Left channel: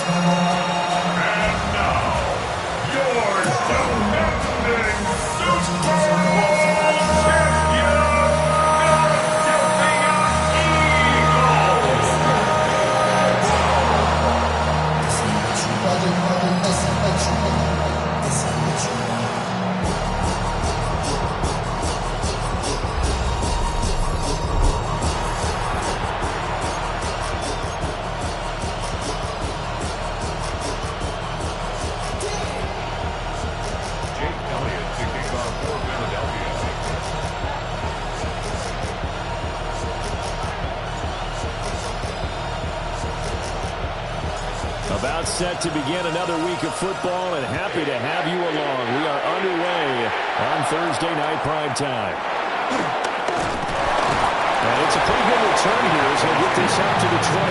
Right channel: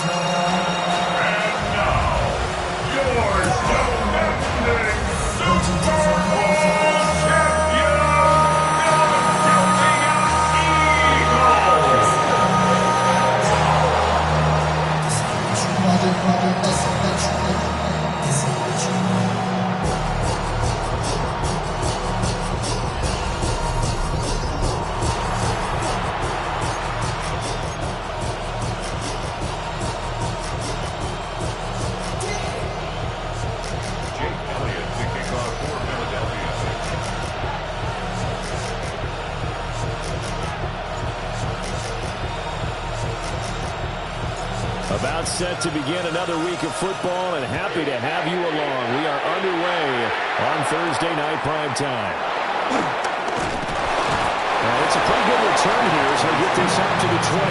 And now, your defending Super Bowl champion, Philadelphia Eagles. About set to begin another week of football, and happy to have you along. We are underway on Thursday night prime time. And it's a pretty good return here as they get this out to the 29.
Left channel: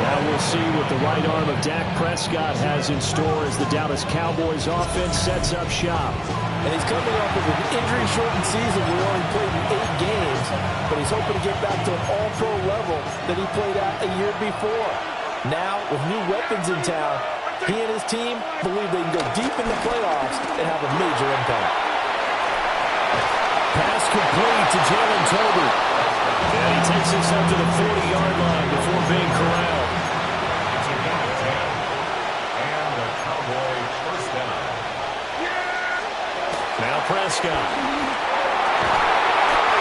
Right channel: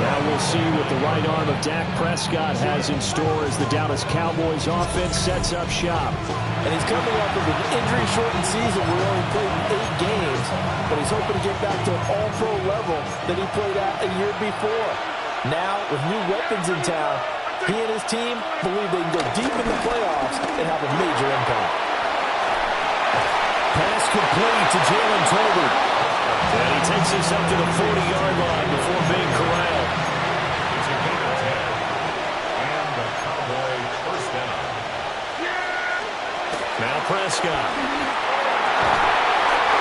Now we'll see what the right arm of Dak Prescott has in store as the Dallas Cowboys offense sets up shop. And he's coming off of an injury-shortened season where he only played in 8 games, but he's hoping to get back to an all-pro level that he played at a year before. Now, with new weapons in town, he and his team believe they can go deep in the playoffs and have a major impact. Pass complete to Jalen Tolbert. And he takes this up to the 40-yard line before being corralled. It's a gain of 10. And the Cowboy first down. Now Prescott.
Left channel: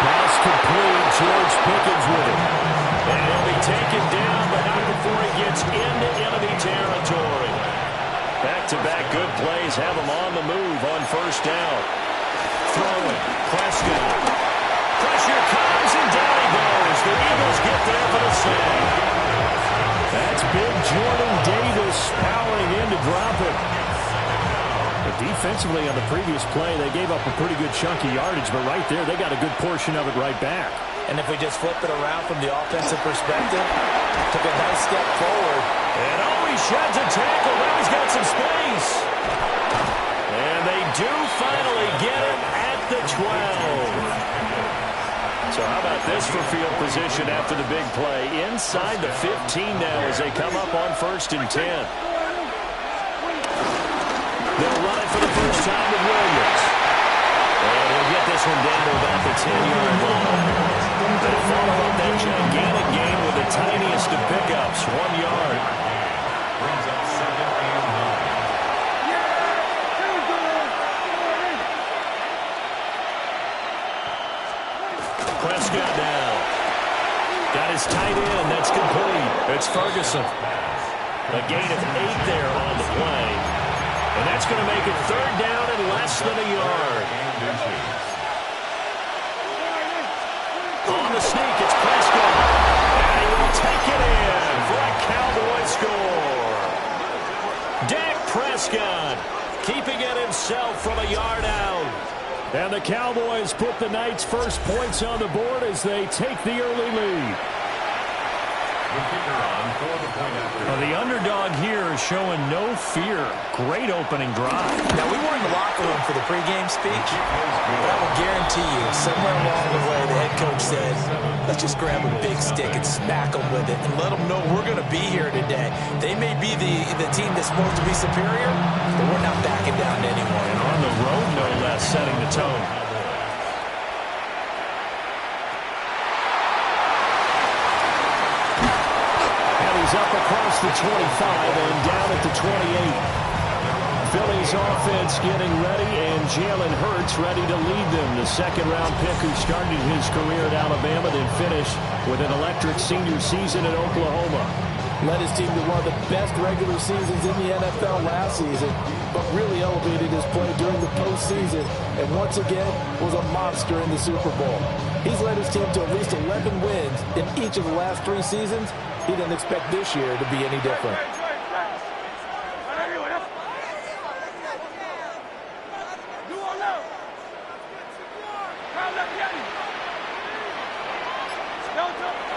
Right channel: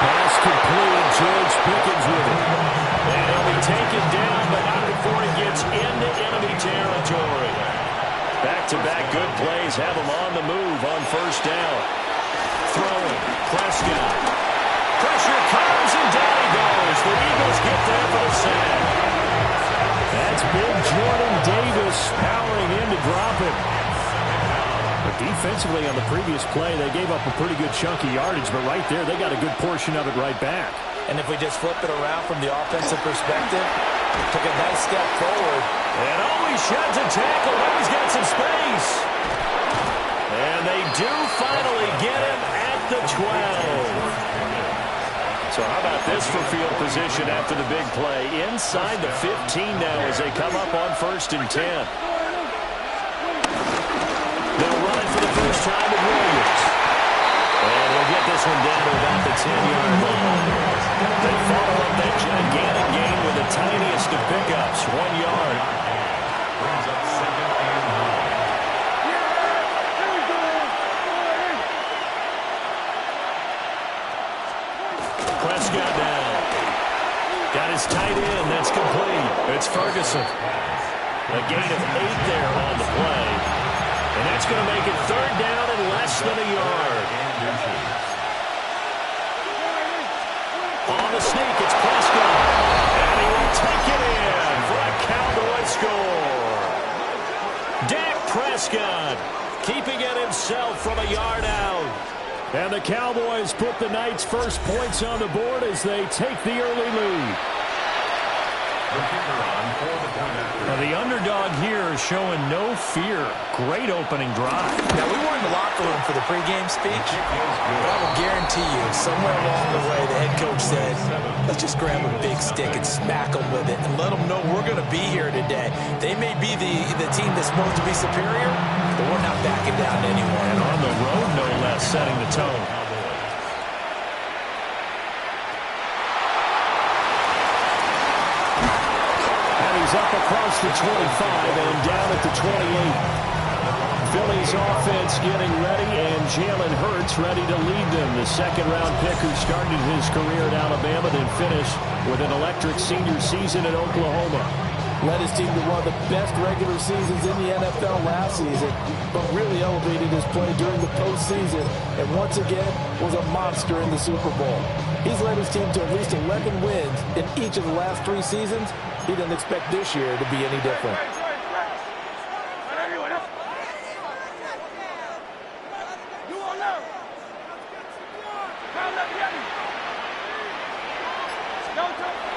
Pass complete. George Pickens with it. And he'll be taken down, but not before he gets into enemy territory. Back-to-back good plays have him on the move on first down. Throwing. Prescott. Pressure comes, and down he goes. The Eagles get there for the sack. That's big Jordan Davis powering in to drop him. But defensively on the previous play, they gave up a pretty good chunk of yardage, but right there, they got a good portion of it right back. And if we just flip it around from the offensive perspective, took a nice step forward. And he sheds a tackle. Now he's got some space. And they do finally get him at the 12. So how about this for field position after the big play? Inside the 15 now as they come up on 1st and 10. They'll run it for the first time with Williams. And he'll get this one down to about the 10-yard line. They follow up that gigantic gain with the tiniest of pickups, 1 yard. Brings up 2nd and 9. Prescott down. Got his tight end. That's complete. It's Ferguson. A gain of 8 there on the play. And that's going to make it 3rd down and less than a yard. On the sneak, it's Prescott. And he will take it in for a Cowboy score. Dak Prescott keeping it himself from a yard out. And the Cowboys put the Knights' first points on the board as they take the early lead. The kicker on for the point after. Well, the underdog here is showing no fear. Great opening drive. Now, we were in the locker room for the pregame speech, but I will guarantee you, somewhere along the way, the head coach said, let's just grab a big stick and smack them with it and let them know we're going to be here today. They may be the team that's supposed to be superior, but we're not backing down to anyone. And on the road, no less, setting the tone. He's up across the 25 and down at the 28. Philly's offense getting ready, and Jalen Hurts ready to lead them. The second-round pick who started his career at Alabama, then finished with an electric senior season at Oklahoma. Led his team to one of the best regular seasons in the NFL last season, but really elevated his play during the postseason, and once again was a monster in the Super Bowl. He's led his team to at least 11 wins in each of the last 3 seasons. He didn't expect this year to be any different.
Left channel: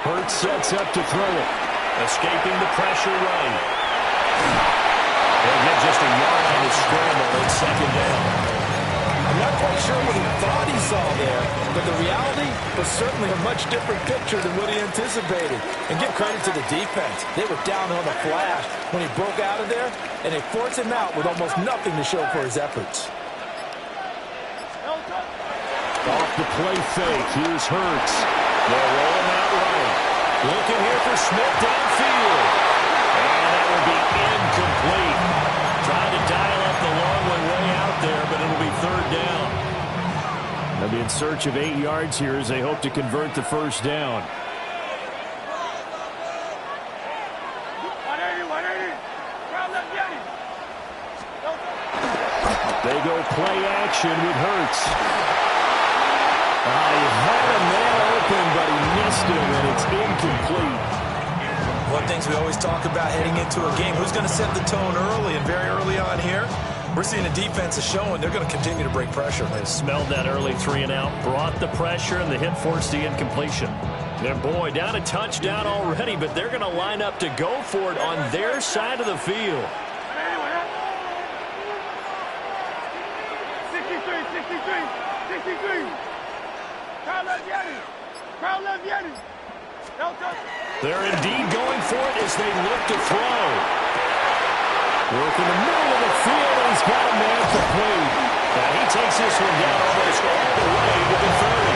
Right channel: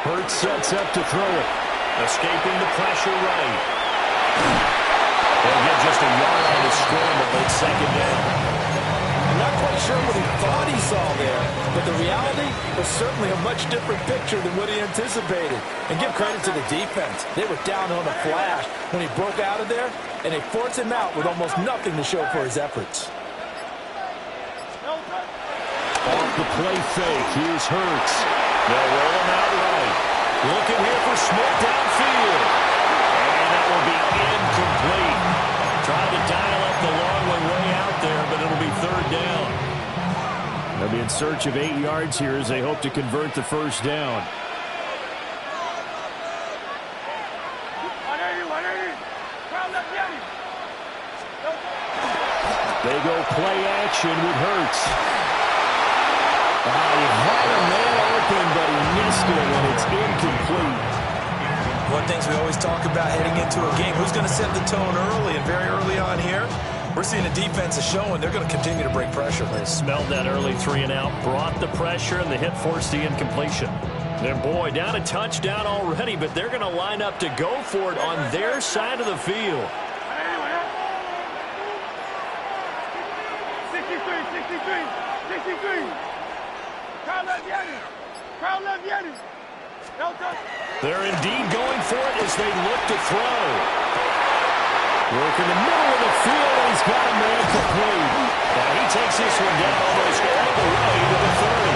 Hurts sets up to throw it. Escaping the pressure right. He'll get just a yard on the scramble. It's 2nd down. I'm not quite sure what he thought he saw there, but the reality was certainly a much different picture than what he anticipated. And give credit to the defense. They were down on a flash when he broke out of there, and they forced him out with almost nothing to show for his efforts. Off the play fake, here's Hurts. They'll roll him out right. Looking here for Smith downfield. And that will be incomplete. Trying to dial up the long way out there, but it'll be third down. They'll be in search of 8 yards here as they hope to convert the first down. They go play action with Hurts. He had a man open, but he missed it, and it's incomplete. One of the things we always talk about heading into a game, who's going to set the tone early, and very early on here, we're seeing the defense is showing they're going to continue to break pressure. They smelled that early 3-and-out, brought the pressure, and the hit forced the incompletion. Their boy down a touchdown already, but they're going to line up to go for it on their side of the field. 63. They're indeed going for it as they look to throw. Working the middle of the field, and he's got a man complete. Now he takes this one down almost all the way to the 30.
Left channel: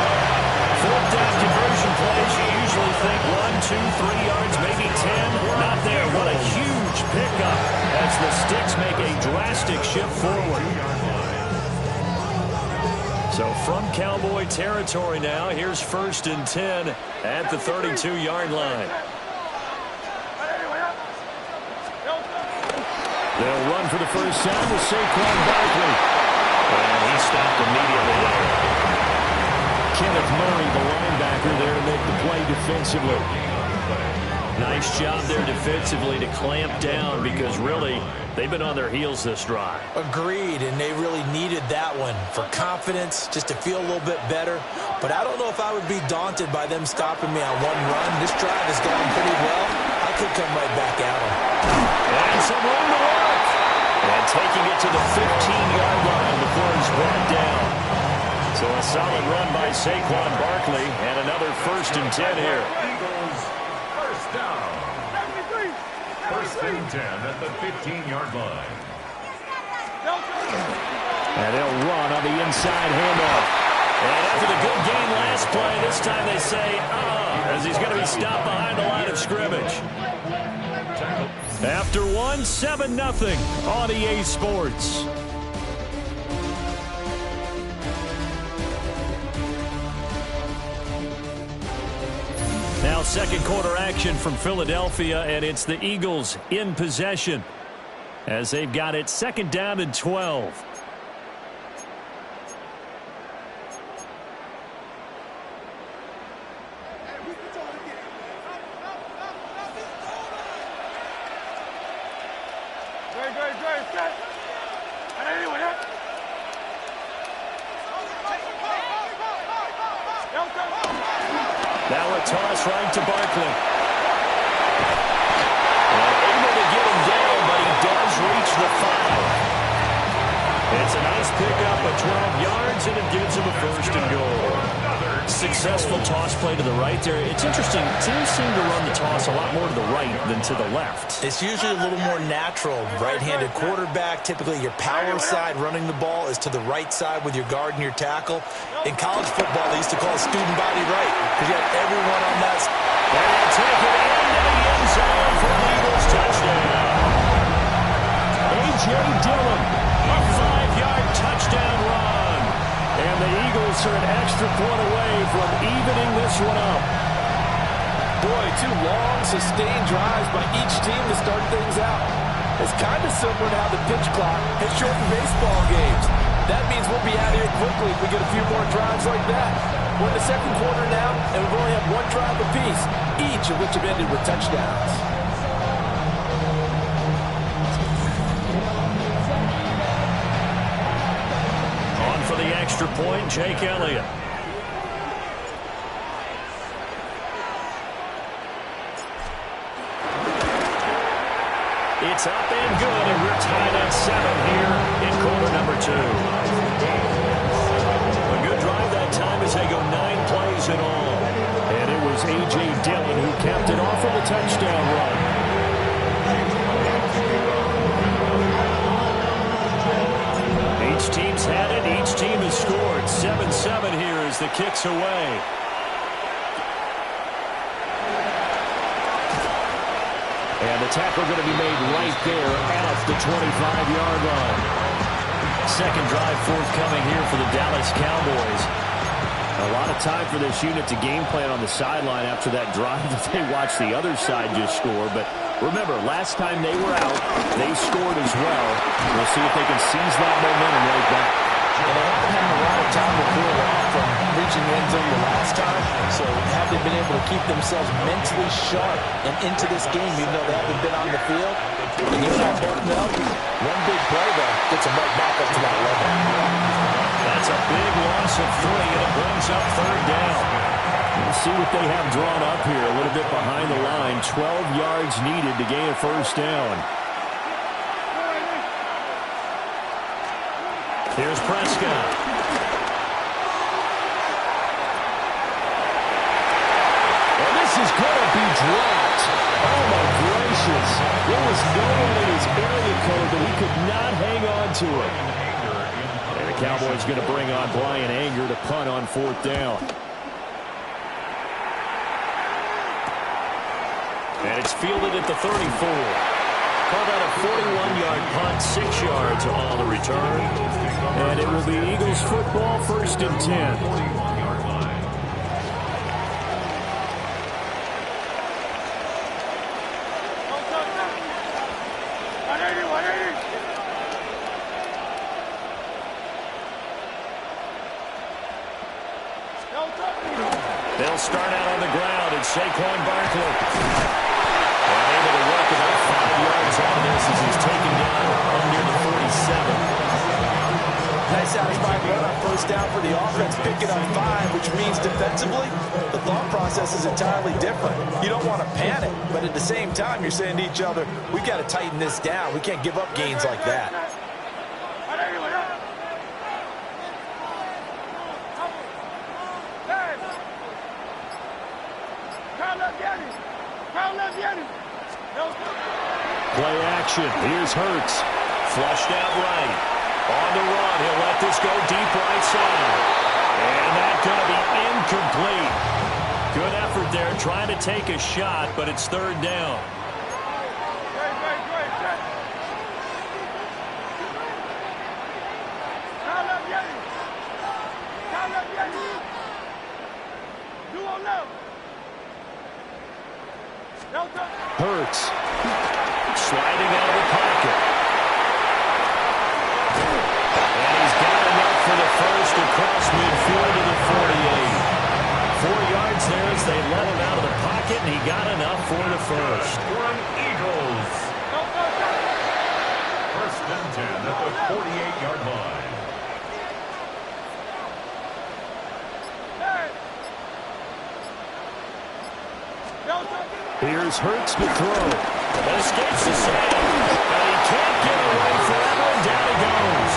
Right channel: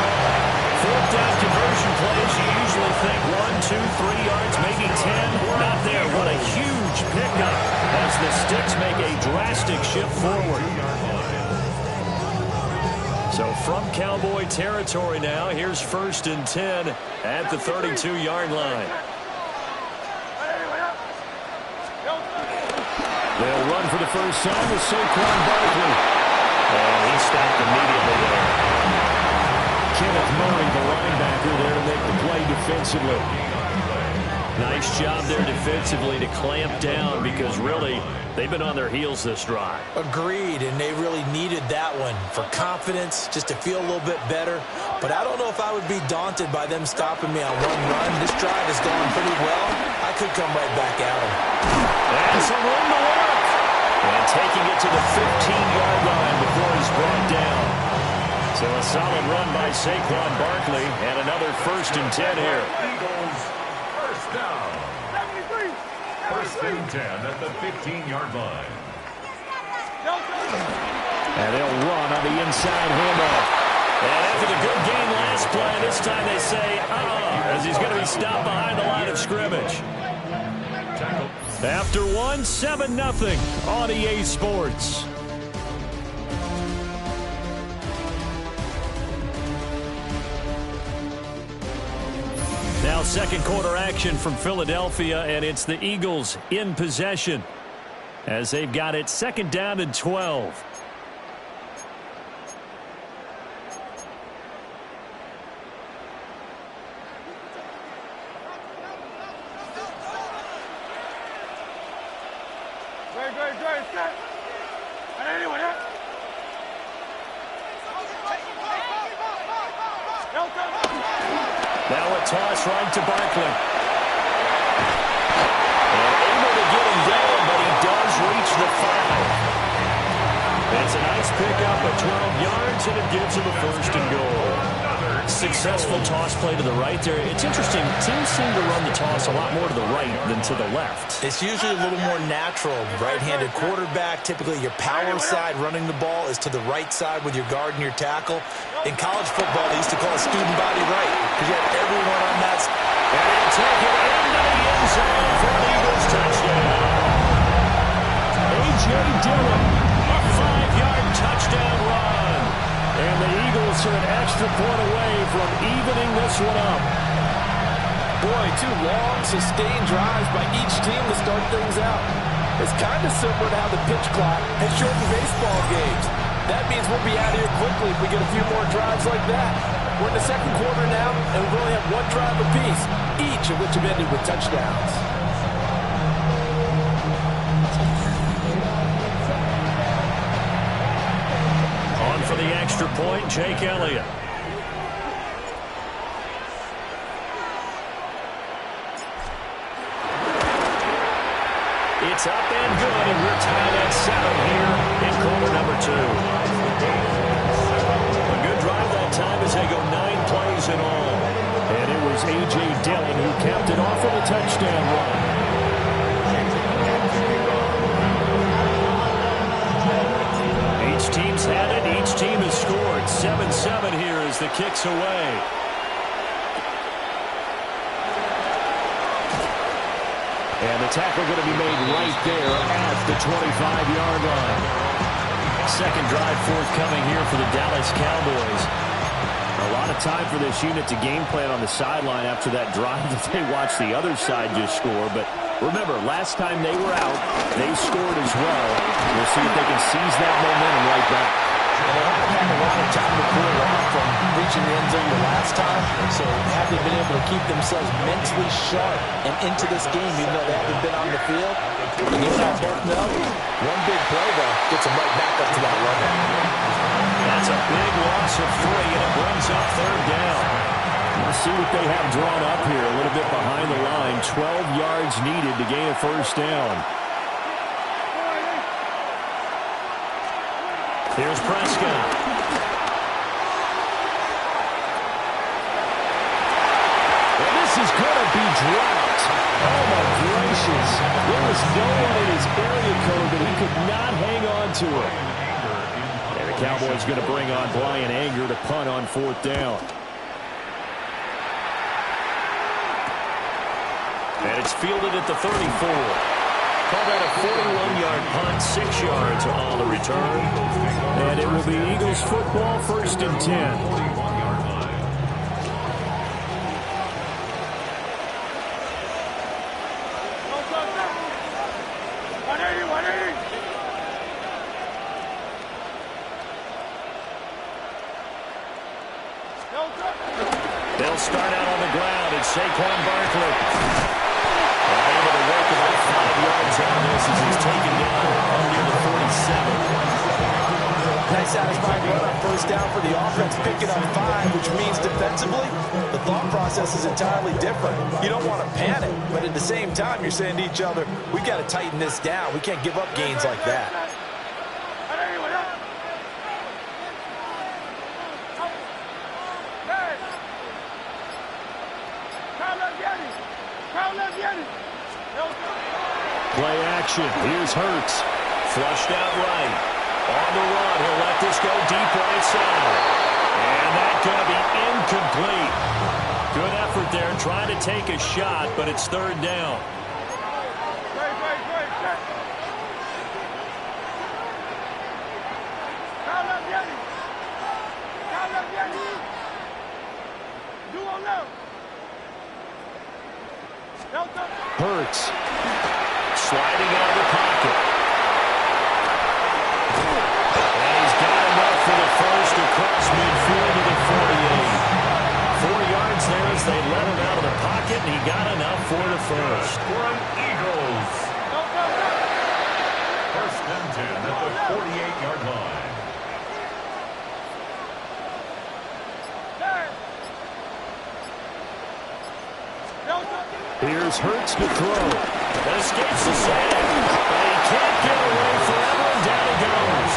Fourth down conversion plays, you usually think 1, 2, 3 yards, maybe 10. Not there. What a huge pickup as the Sticks make a drastic shift forward. So from Cowboy territory now, here's 1st and 10 at the 32-yard line. They'll run for the first time with Saquon Barkley. And he stopped immediately there. Kenneth Murray, the linebacker, there to make the play defensively. Nice job there defensively to clamp down because really they've been on their heels this drive. Agreed, and they really needed that one for confidence, just to feel a little bit better. But I don't know if I would be daunted by them stopping me on one run. This drive has gone pretty well. I could come right back at them. And some room to work. And taking it to the 15-yard line before he's brought down. So a solid run by Saquon Barkley and another 1st and 10 here. Eagles, first down. 1st and 10 at the 15-yard line. And they'll run on the inside handoff. And after the good game last play, this time they say, as he's going to be stopped behind the line of scrimmage. After one, 7-0 on EA Sports. Now second quarter action from Philadelphia, and it's the Eagles in possession as they've got it 2nd down and 12. Now a toss right to Barkley. And able to get him down, but he does reach the 5. It's a nice pickup of 12 yards, and it gives him a 1st and goal. Successful toss play to the right there. It's interesting. Teams seem to run the toss a lot more to the right than to the left. It's usually a little more natural. Right-handed quarterback, typically your power side running the ball is to the right side with your guard and your tackle. In college football, they used to call it student body right because you had everyone on that side. And he'll take it into the end zone for an Eagles touchdown. A.J. Dillon, a 5-yard touchdown run. And the Eagles are an extra point away from evening this one up. Boy, 2 long, sustained drives by each team to start things out. It's kind of similar to how the pitch clock has shortened baseball games. That means we'll be out of here quickly if we get a few more drives like that. We're in the second quarter now, and we've only had 1 drive apiece, each of which have ended with touchdowns. On for the extra point, Jake Elliott. It's up and good, and we're tied at 7 here in quarter number 2. drive as they go 9 plays in all. And it was A.J. Dillon who capped it off with a touchdown run. Each team's had it. Each team has scored. 7-7 here as the kick's away. And the tackle going to be made right there at the 25-yard line. Second drive forthcoming here for the Dallas Cowboys. A lot of time for this unit to game plan on the sideline after that drive that they watched the other side just score. But remember, last time they were out, they scored as well. We'll see if they can seize that momentum right back. And they haven't had a lot of time to cool off from reaching the end zone the last time. So have they been able to keep themselves mentally sharp and into this game, even though they haven't been on the field? And you and I both know, one big play, though, gets them right back up to that level. That's a big loss of 3, and it brings up third down. We'll see what they have drawn up here. A little bit behind the line. 12 yards needed to gain a first down. Here's Prescott. And this is going to be dropped. Oh, my gracious. There was no one in his area code, but he could not hang on to it. And the Cowboys going to bring on Brian Anger to punt on fourth down. And it's fielded at the 34. Call that a 41-yard punt, 6 yards on the return. And it will be Eagles football, 1st and 10. 41-yard line. They'll start out on the ground. It's Saquon Barkley. And able to work about 5 yards out of this as he's taken down near the 47. Nice satisfying run on first down for the offense, picking up 5, which means defensively, the thought process is entirely different. You don't want to panic, but at the same time, you're saying to each other, we've got to tighten this down. We can't give up gains like that. Play action. Here's Hurts. Flushed out right. On the run. He'll let this go deep right side. And that's going to be incomplete. Good effort there trying to take a shot, but it's third down. Hurts. Sliding out of the pocket. And he's got enough for the first across midfield to the 48. 4 yards there as they let him out of the pocket, and he got enough for the first. For an Eagles. 1st and 10 at the 48-yard line. Here's Hurts to throw. Escapes the sack, but he can't get away forever, and down he goes.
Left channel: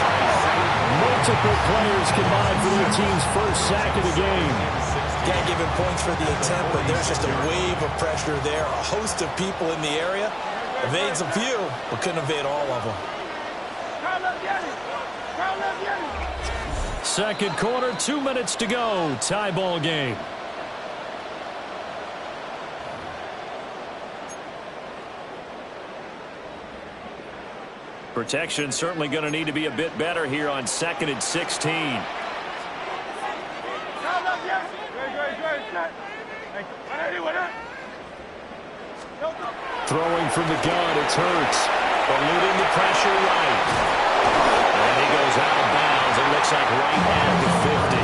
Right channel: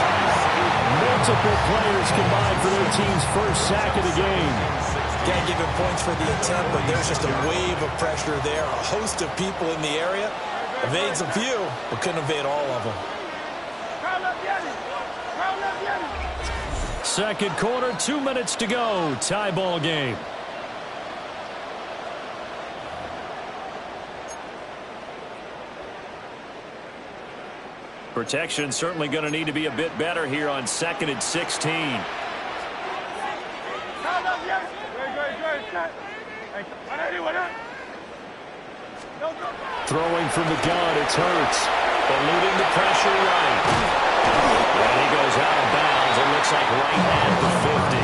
Multiple players combined for their team's first sack of the game. Can't give him points for the attempt, but there's just a wave of pressure there. A host of people in the area. Evades a few, but couldn't evade all of them. Second quarter, 2 minutes to go. Tie ball game. Protection certainly going to need to be a bit better here on 2nd and 16. Throwing from the gun, it's Hurts. Eluding the pressure right. And he goes out of bounds. It looks like right at the 50.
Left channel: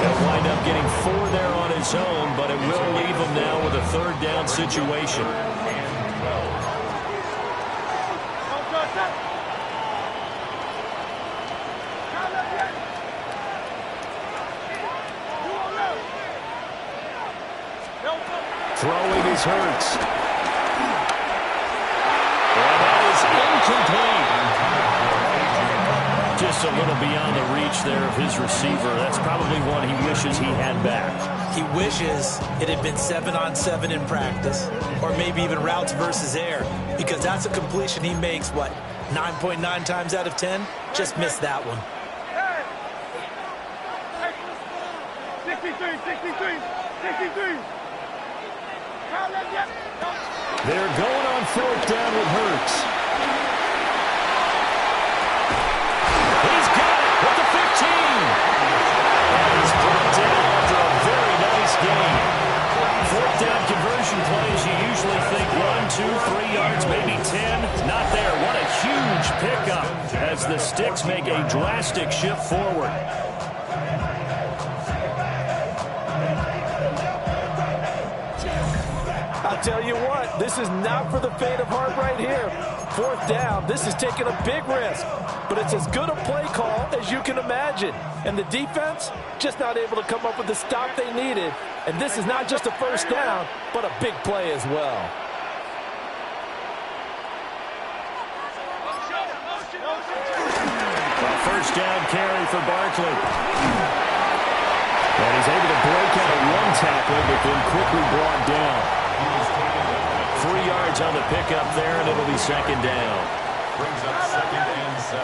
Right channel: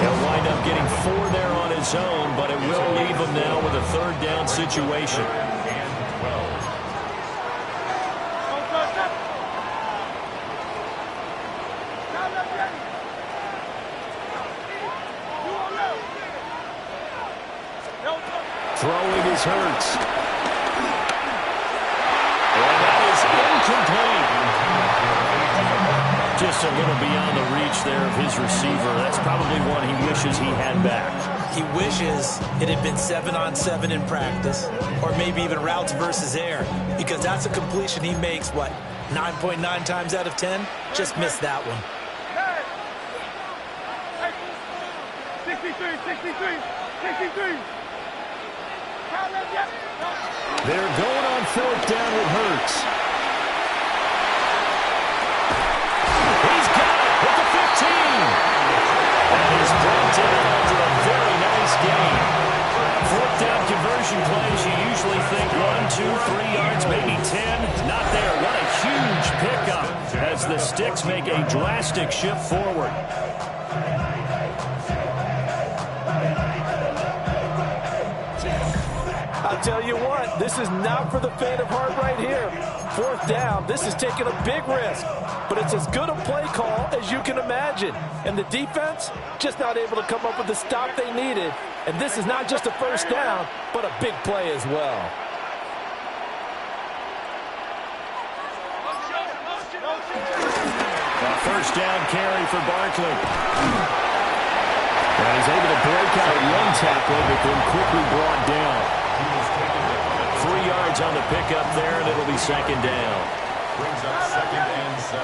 He'll wind up getting 4 there on his own, but it will leave him now with a third down situation. And 12. Throwing is Hurts. And that is incomplete. Just Just a little beyond the reach there of his receiver. That's probably one he wishes he had back. He wishes it had been 7-on-7 in practice, or maybe even routes versus air, because that's a completion he makes, what, 9.9 times out of 10? Just missed that one. 63. They're going on 4th down with Hurts. He's got it with the 15. And he's brought down after a very nice game. 4th down conversion plays, you usually think 1, 2, 3 yards, maybe 10. Not there. What a huge pickup as the Sticks make a drastic shift forward. I'll tell you what, this is not for the faint of heart right here. 4th down, this is taking a big risk, but it's as good a play call as you can imagine. And the defense, just not able to come up with the stop they needed. And this is not just a 1st down, but a big play as well. A 1st down carry for Barkley. And he's able to break out one tackle, but then quickly brought down. 3 yards on the pickup there, and it'll be 2nd down. Brings up 2nd and 7.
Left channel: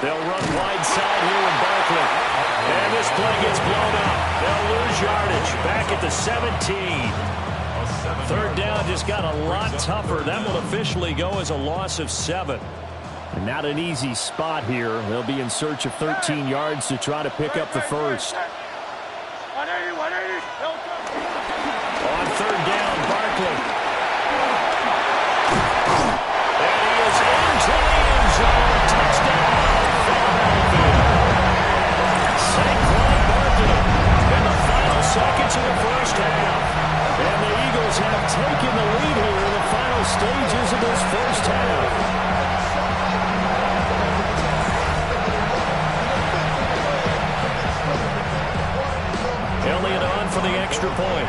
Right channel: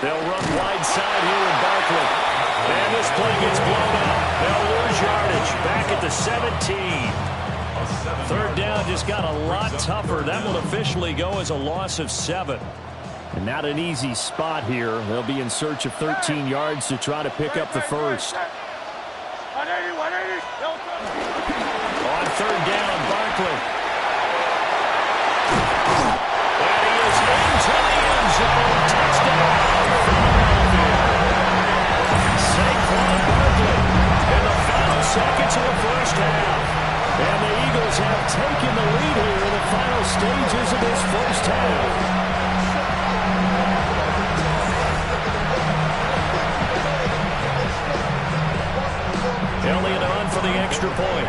They'll run wide side here with Barkley. And this play gets blown up. They'll lose yardage. Back at the 17. 3rd down just got a lot tougher. That will officially go as a loss of 7. And not an easy spot here. They'll be in search of 13 yards to try to pick up the 1st. On 3rd down, Barkley. And he is into the end zone. Touchdown, Philadelphia. Saquon Barkley in the final seconds of the 1st half. And the Eagles have taken the lead here in the final stages of this 1st half. Elliott on for the extra point.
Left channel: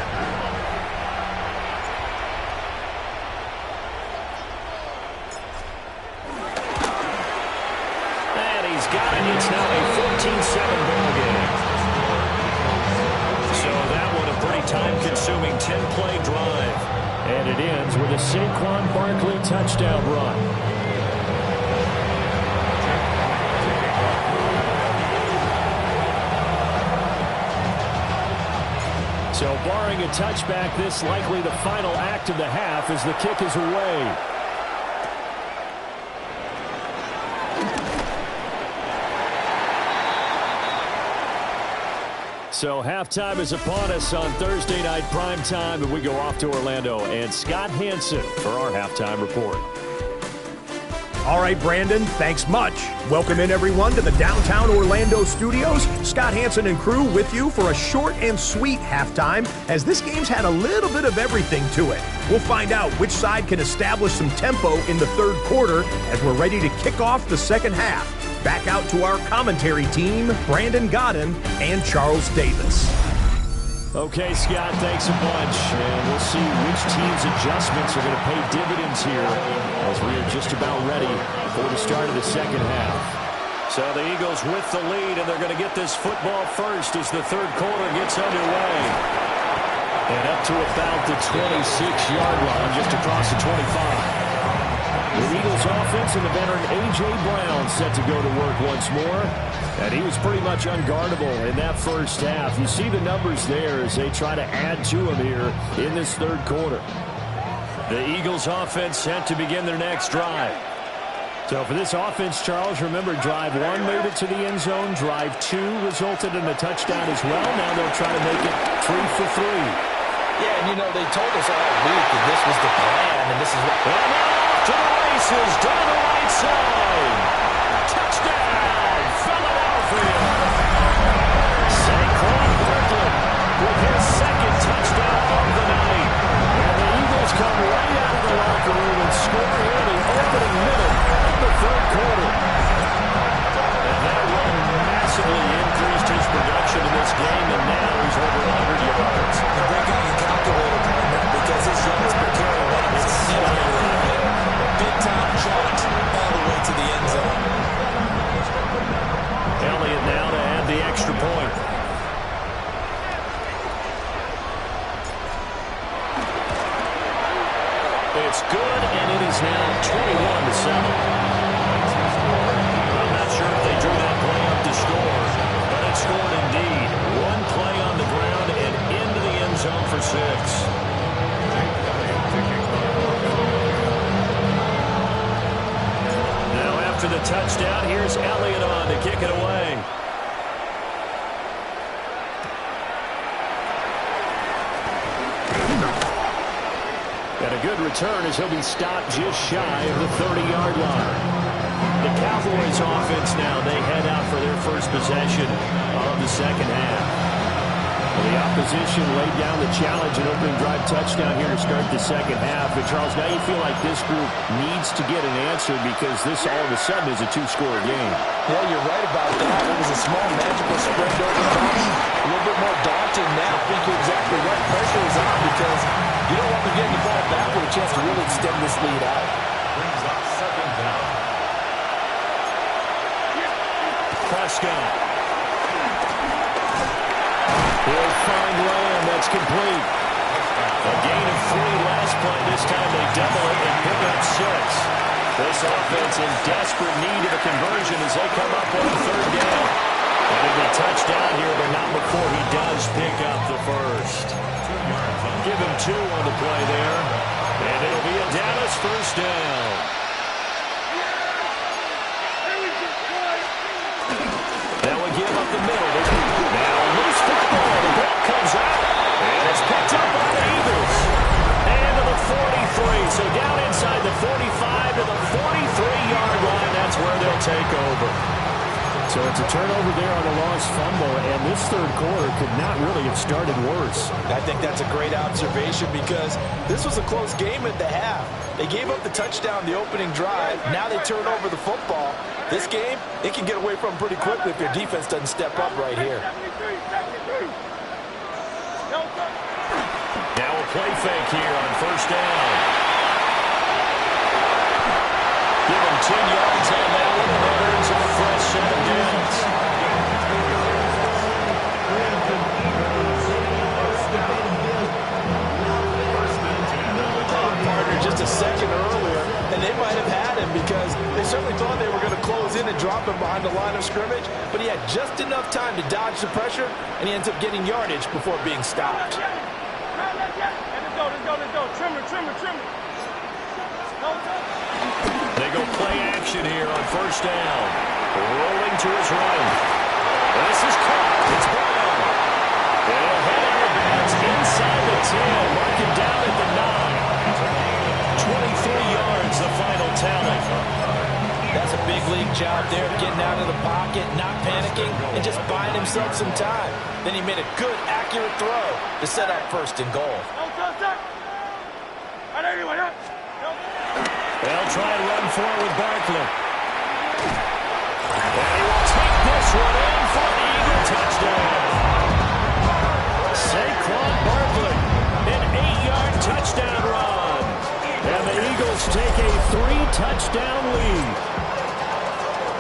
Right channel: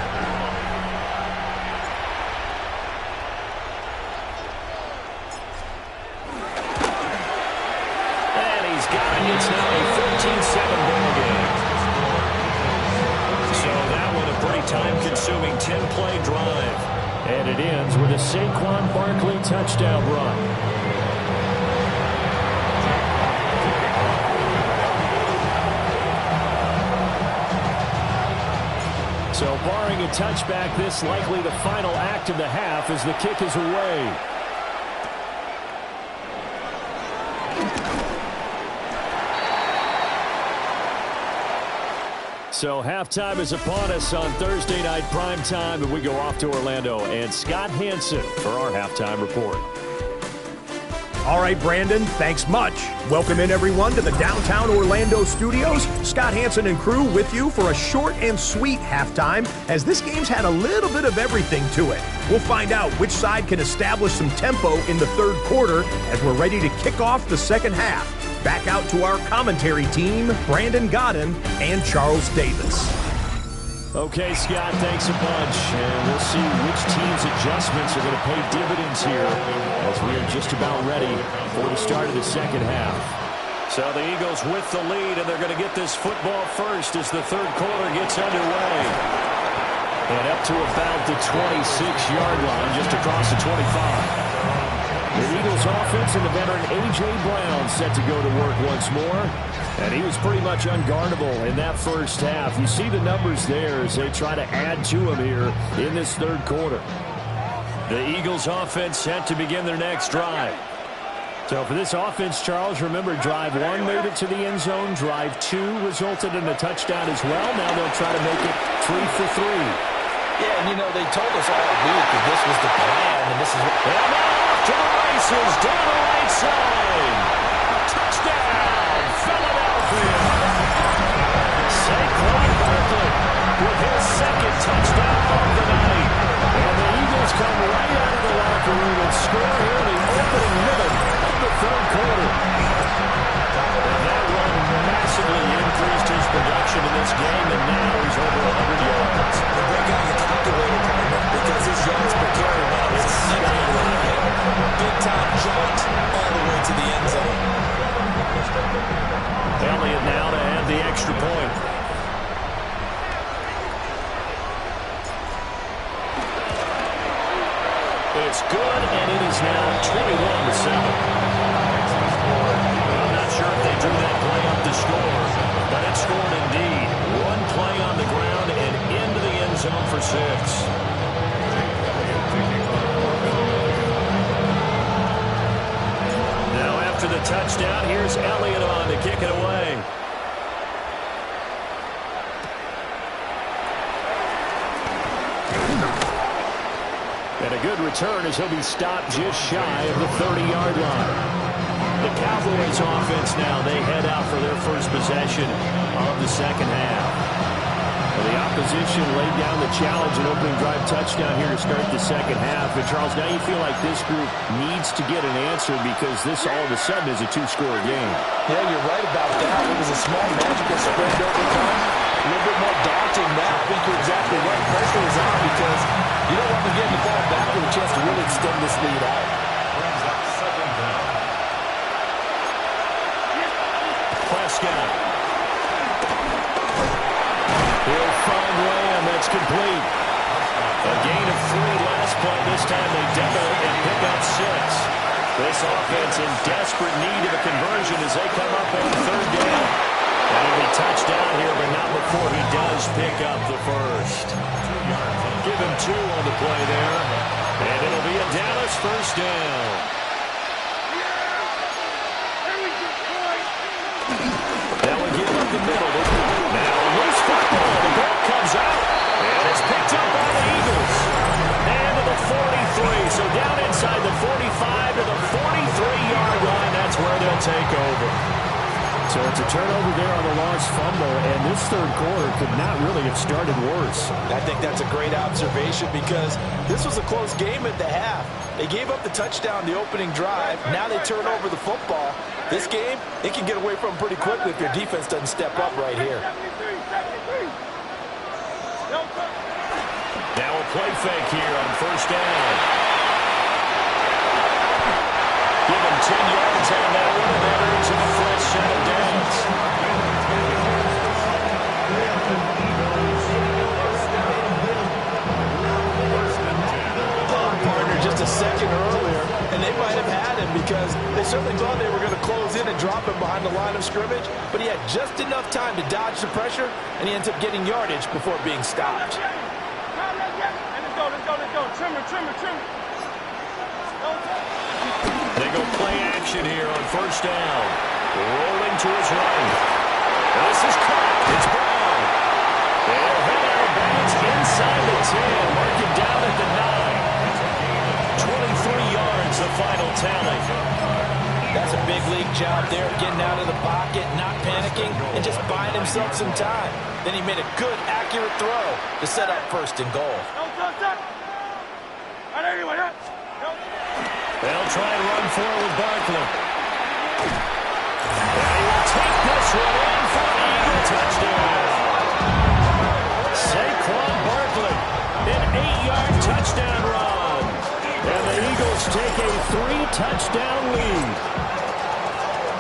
And he's got it. It's now a 14-7 ball game. So that one a pretty time-consuming 10-play drive. And it ends with a Saquon Barkley touchdown run. So barring a touchback, this likely the final act of the half as the kick is away. So halftime is upon us on Thursday night primetime, and we go off to Orlando. And Scott Hansen for our halftime report. All right, Brandon, thanks much. Welcome in, everyone, to the downtown Orlando studios. Scott Hansen and crew with you for a short and sweet halftime, as this game's had a little bit of everything to it. We'll find out which side can establish some tempo in the 3rd quarter as we're ready to kick off the 2nd half. Back out to our commentary team, Brandon Godden and Charles Davis. Okay, Scott, thanks a bunch. And we'll see which team's adjustments are going to pay dividends here as we are just about ready for the start of the 2nd half. So the Eagles with the lead, and they're going to get this football first as the 3rd quarter gets underway. And up to about the 26-yard line, just across the 25. The Eagles offense and the veteran A.J. Brown set to go to work once more. And he was pretty much unguardable in that 1st half. You see the numbers there as they try to add to him here in this 3rd quarter. The Eagles offense set to begin their next drive. So for this offense, Charles, remember drive 1 made it to the end zone. Drive 2 resulted in a touchdown as well. Now they'll try to make it 3 for 3. Yeah, and you know, they told us all week that this was the plan, and this is what... And now off to the races, down the right side. Touchdown, Philadelphia. Saquon Barkley with his 2nd touchdown of the night. And the Eagles come right out of the locker room and score here in the opening minute of the 3rd quarter. And that run massively increased his production in this game, and now he's over 100 yards. And break out your calculator, partner, because his yards per carry shot all the way to the end zone. Elliott now to add the extra point. It's good, and it is now 21-7. I'm not sure if they drew that play up to score, but it scored indeed. One play on the ground and into the end zone for 6. Now after the touchdown, here's Elliott on to kick it away. And a good return as he'll be stopped just shy of the 30-yard line. The Cowboys offense now, they head out for their first possession of the second half. Well, the opposition laid down the challenge and opening drive touchdown here to start the second half. And Charles, now you feel like this group needs to get an answer because this all of a sudden is a 2-score game. Yeah, you're right about that. It was a small magical spread to overcome. A little bit more daunting now. I think you're exactly right. Pressure is on because you don't want them getting the ball back with a chance to really extend this lead out. Brings up second down. Prescott. He'll find Lamb. That's complete. A gain of 3 last play. This time they double it and pick up 6. This offense in desperate need of a conversion as they come up on third down. And it'll be touchdown here, but not before he does pick up the first. 2 yards on. Give him 2 on the play there. And it'll be a Dallas first down. That will give up the middle. Now a loose football. The ball comes out. And it's picked up by the Eagles. And to the 43. So down inside the 45 to the 43-yard line. That's where they'll take over. So it's a turnover there on the lost fumble, and this third quarter could not really have started worse. I think that's a great observation because this was a close game at the half. They gave up the touchdown the opening drive. Now they turn over the football. This game, they can get away from pretty quickly if their defense doesn't step up right here. Now a play fake here on first down. Give him 10 yards on that one, and that earns him a fresh set of downs. Partner just a second earlier, and they might have had him because they certainly thought they were going to close in and drop him behind the line of scrimmage, but he had just enough time to dodge the pressure, and he ends up getting yardage before being stopped. Let's go. Trimmer. They go play action here on first down. Rolling to his right. And this is caught. It's Brown. And he'll head out of bounds inside the 10. Mark him down at the 9. 23 yards, the final tally. That's a big league job there, getting out of the pocket, not panicking, and just buying himself some time. Then he made a good, accurate throw to set up first and goal. They'll try and run for it with Barkley. And he will take this one in for an Eagle touchdown. Saquon Barkley, an 8-yard touchdown run. And the Eagles take a 3-touchdown lead.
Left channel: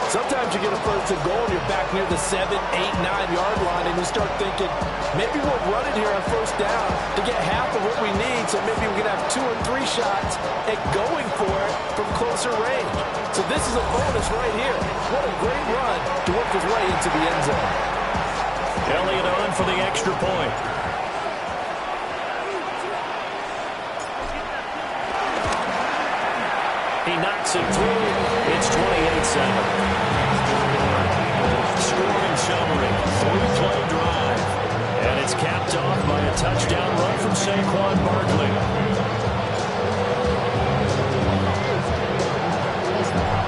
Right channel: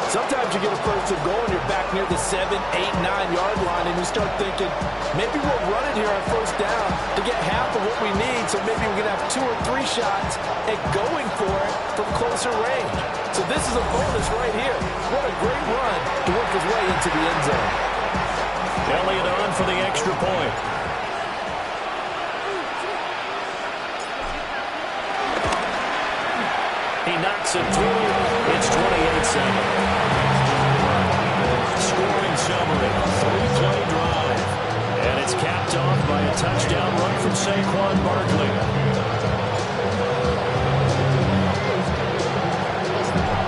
Sometimes you get a first and goal and you're back near the 7, 8, 9-yard line, and you start thinking, maybe we'll run it here on first down to get half of what we need, so maybe we can have 2 or 3 shots at going for it from closer range. So this is a bonus right here. What a great run to work his way into the end zone. Elliott on for the extra point. He knocks it through. It's 28-7. Scoring summary, 3-play drive. And it's capped off by a touchdown run from Saquon Barkley.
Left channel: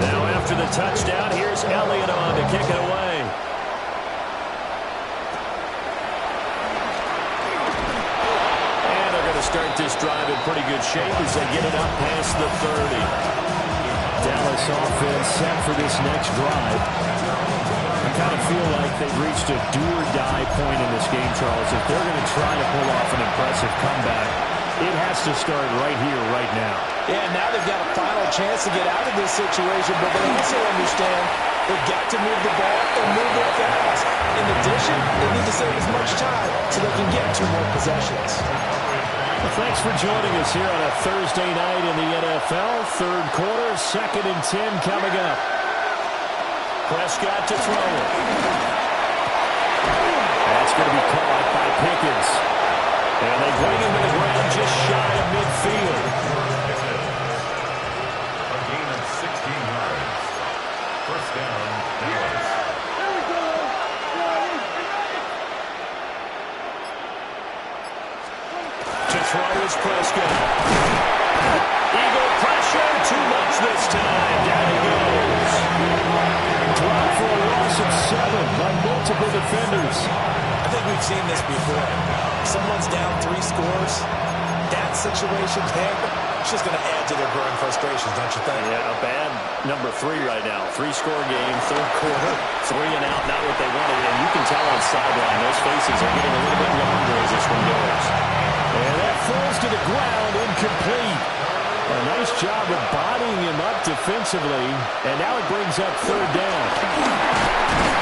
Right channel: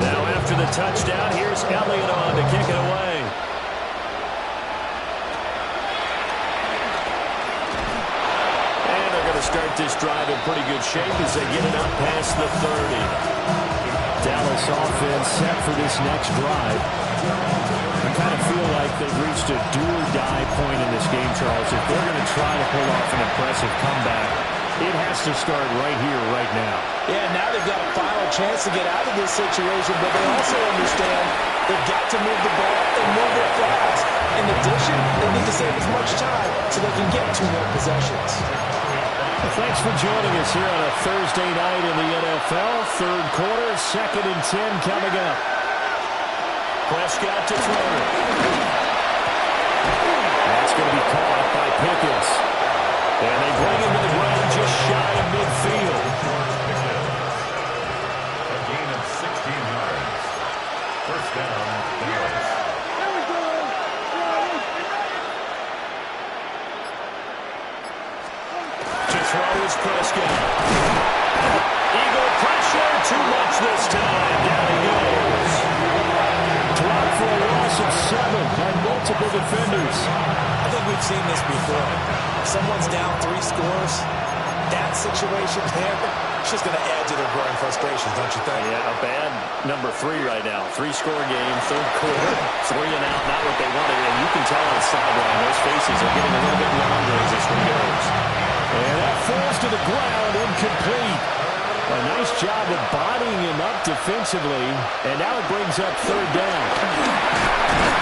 Now after the touchdown, here's Elliott on to kick it away. And they're going to start this drive in pretty good shape as they get it up past the 30. Dallas offense set for this next drive. I kind of feel like they've reached a do-or-die point in this game, Charles. If they're going to try to pull off an impressive comeback, It has to start right here, right now. Yeah, now they've got a final chance to get out of this situation, but they also understand they've got to move the ball and move it fast. In addition, they need to save as much time so they can get 2 more possessions. Well, thanks for joining us here on a Thursday night in the NFL. Third quarter, 2nd and 10 coming up. Prescott to throw it. That's going to be caught by Pickens. And they bring him to the ground just shy of midfield. A gain of 16 yards. First down, Dallas. To throw is Prescott. Eagle pressure, too much this time. Down he goes. Drop for a loss of 7 by multiple defenders. I think we've seen this before. Someone's down 3 scores. That situation there, it's just going to add to their growing frustrations, don't you think? Yeah, a bad number 3 right now. 3-score game, third quarter, 3 and out, not what they wanted. And you can tell on the sideline, those faces are getting a little bit longer as this one goes. And that falls to the ground, incomplete. A nice job of bodying him up defensively. And now it brings up third down.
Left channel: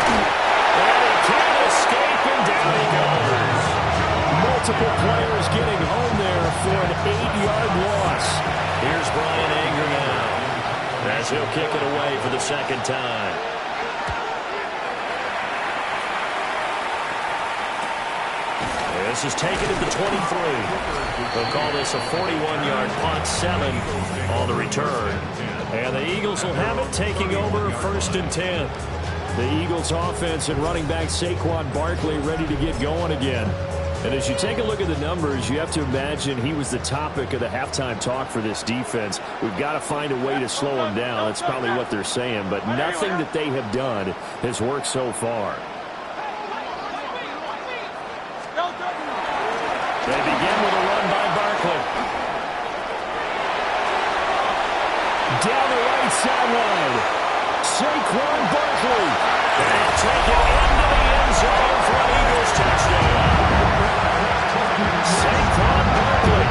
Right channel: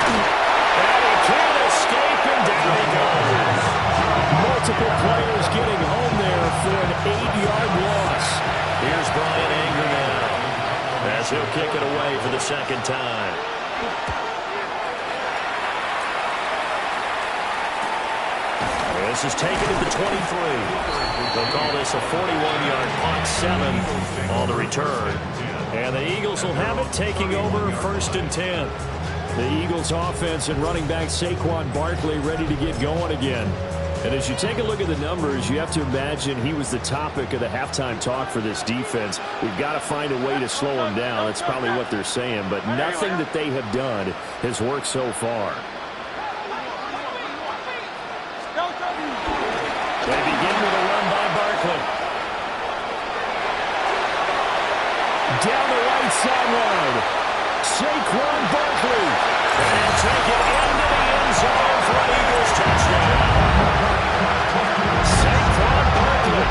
And he can't escape, and down he goes. Multiple players getting home there for an 8-yard loss. Here's Brian Anger now, as he'll kick it away for the second time. This is taken at the 23. They'll call this a 41-yard punt, 7 on the return. And the Eagles will have it, taking over 1st and 10. The Eagles offense and running back Saquon Barkley ready to get going again. And as you take a look at the numbers, you have to imagine he was the topic of the halftime talk for this defense. We've got to find a way to slow him down. That's probably what they're saying. But nothing that they have done has worked so far. They begin with a run by Barkley. Down the right sideline. Saquon Barkley. And he'll take it into the end zone for an Eagles touchdown. Saquon Barkley,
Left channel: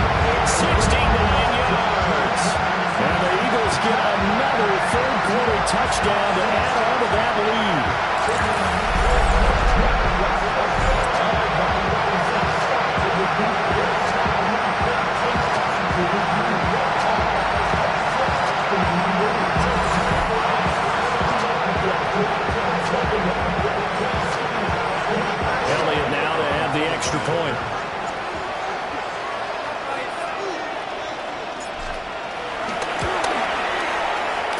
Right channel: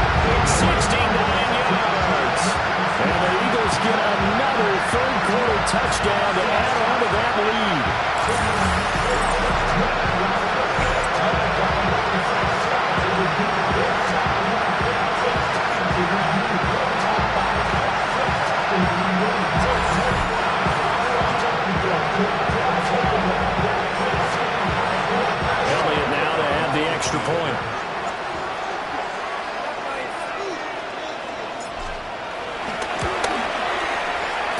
69 yards. And the Eagles get another third-quarter touchdown to add on to that lead. Elliott now to add the extra point.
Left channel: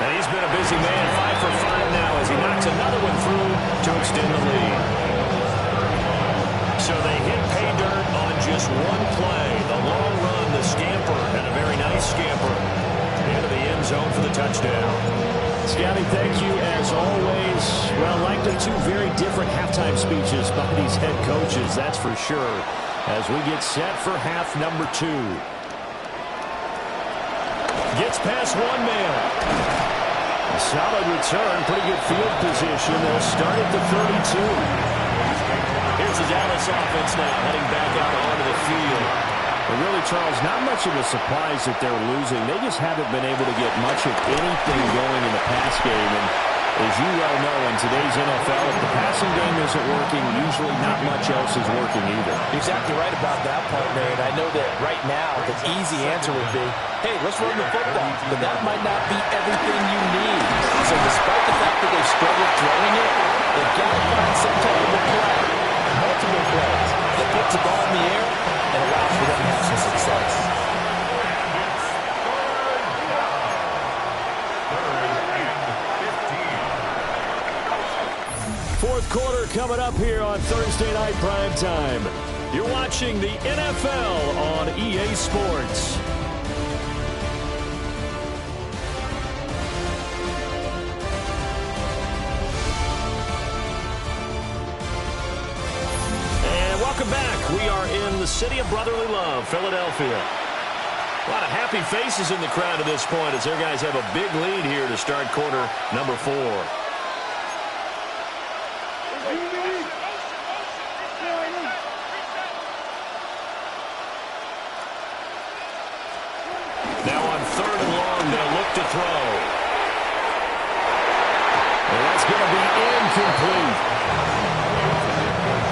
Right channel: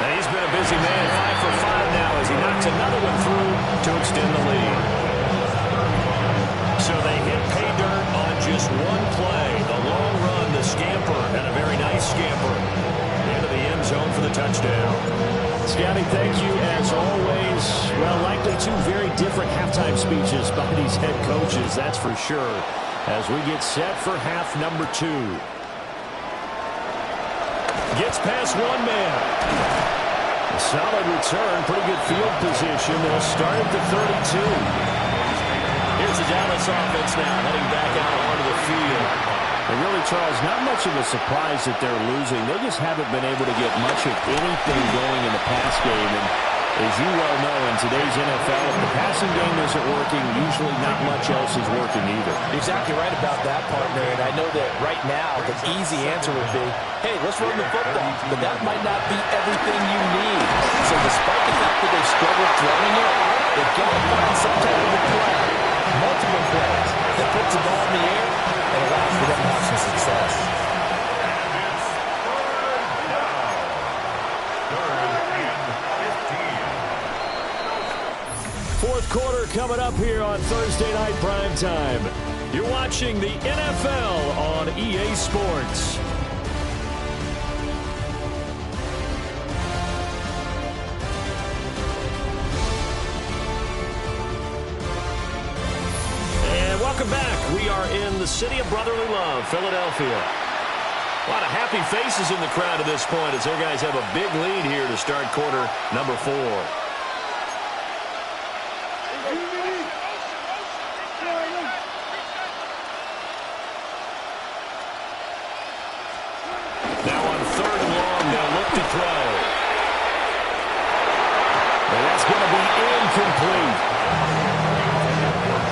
And he's been a busy man, 5 for 5 now as he knocks another one through to extend the lead. So they hit pay dirt on just one play. The long run, the scamper, and a very nice scamper into the end zone for the touchdown. Scotty, thank you as always. Well, likely 2 very different halftime speeches by these head coaches, that's for sure, as we get set for half number 2. Gets past one man. A solid return, pretty good field position. They'll start at the 32. Here's the Dallas offense now, heading back out onto the field. And really, Charles, not much of a surprise that they're losing. They just haven't been able to get much of anything going in the pass game. And as you well know, in today's NFL, if the passing game isn't working, usually not much else is working either. You're exactly right about that, partner. And I know that right now the easy answer would be, hey, let's run the football. But that might not be everything you need. So despite the fact that they've struggled throwing it, they've got to find some type of a play, multiple plays, that puts the ball in the air and allows for them to have some success. Fourth quarter coming up here on Thursday Night Primetime. You're watching the NFL on EA Sports. And welcome back. We are in the city of brotherly love, Philadelphia. A lot of happy faces in the crowd at this point as their guys have a big lead here to start quarter number 4. throw. And that's going to be incomplete.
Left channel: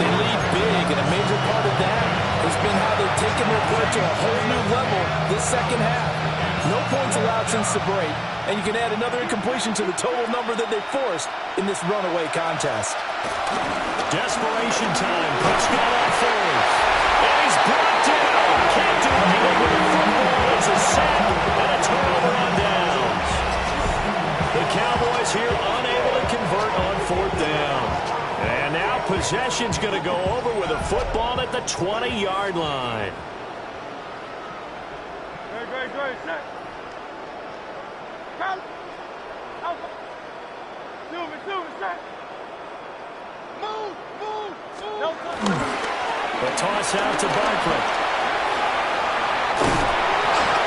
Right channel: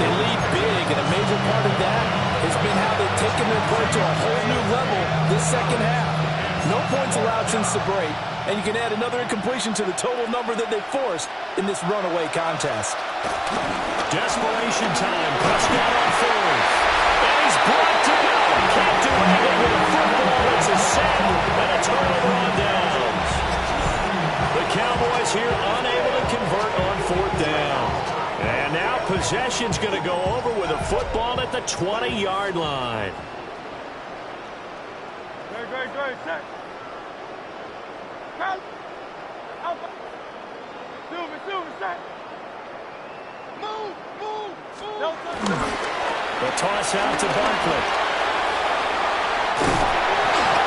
They lead big, and a major part of that has been how they've taken their play to a whole new level this second half. No points allowed since the break, and you can add another incompletion to the total number that they forced in this runaway contest. Desperation time. Prescott on fourth. And he's brought down. Can't do anything with a football. It's a sack and a turnover on downs. The Cowboys here unable to convert on fourth down. And now possession's going to go over with a football at the 20-yard line. Great, set. Alpha. Silver, set. Move. The toss out to Barkley.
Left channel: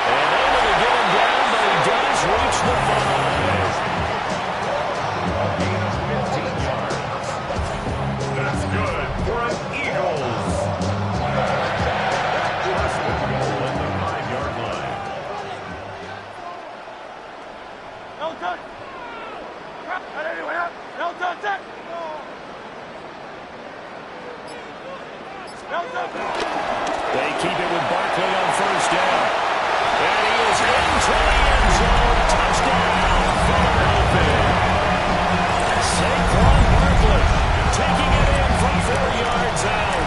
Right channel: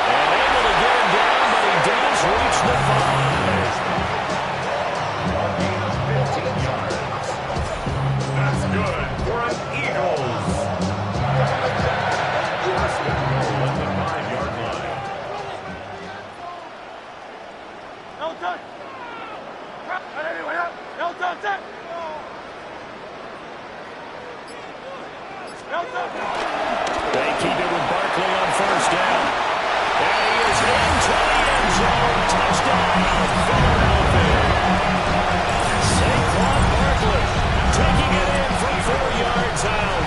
And able to get him down, but he does reach the 5. A gain of 15 yards. That's good for an Eagles. First and goal at the 5-yard line. No touch. No touch. Set. No touch. They keep it with Barkley on first down. And he is into the end zone. Touchdown, Philadelphia. Saquon Barkley taking it in from 4 yards out.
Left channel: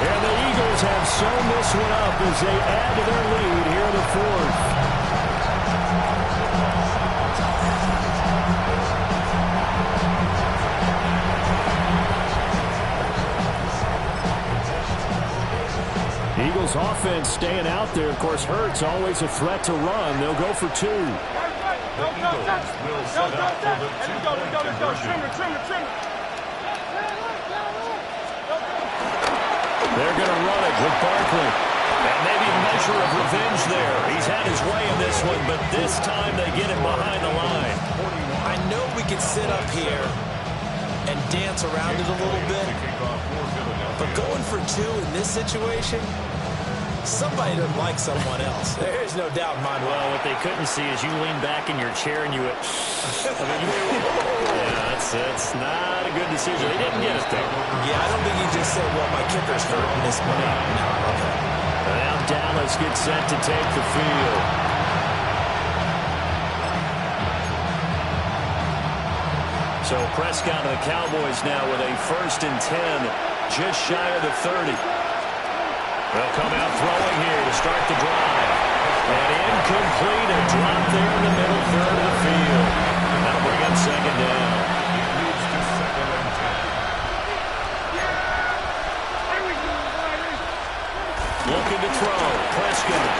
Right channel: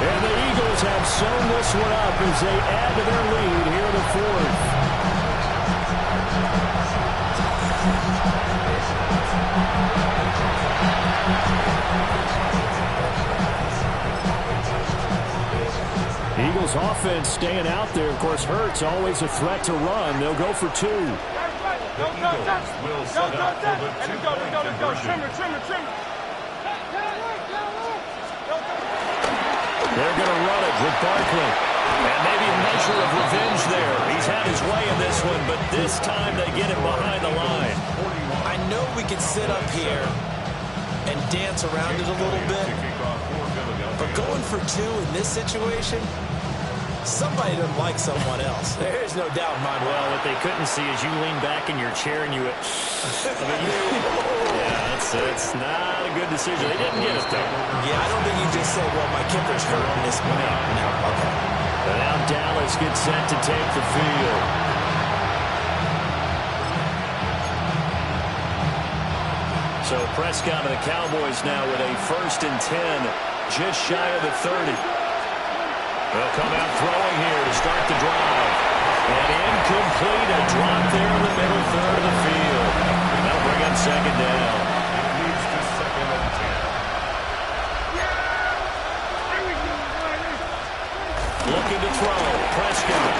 And the Eagles have sewn this one up as they add to their lead here in the fourth. Eagles offense staying out there. Of course, Hurts always a threat to run. They'll go for 2. The Eagles will set up for the two-point conversion. Trim it. They're going to run it with Barkley. And maybe a measure of revenge there. He's had his way in this one, but this time they get him behind the line. I know we can sit up here and dance around it a little bit, but going for 2 in this situation, somebody doesn't like someone else. There's no doubt in my mind. Well, what they couldn't see is you lean back in your chair and you went, yeah, that's not a good decision. They didn't get it, though. Yeah, I don't think you just said, well, my kicker's hurting this one. No, okay. And now Dallas gets set to take the field. So Prescott and the Cowboys now with a 1st and 10, just shy of the 30. They'll come out throwing here to start the drive. And incomplete, a drop there in the middle third of the field. That'll bring up 2nd down. It leads to 2nd and 10. Looking to throw. Prescott.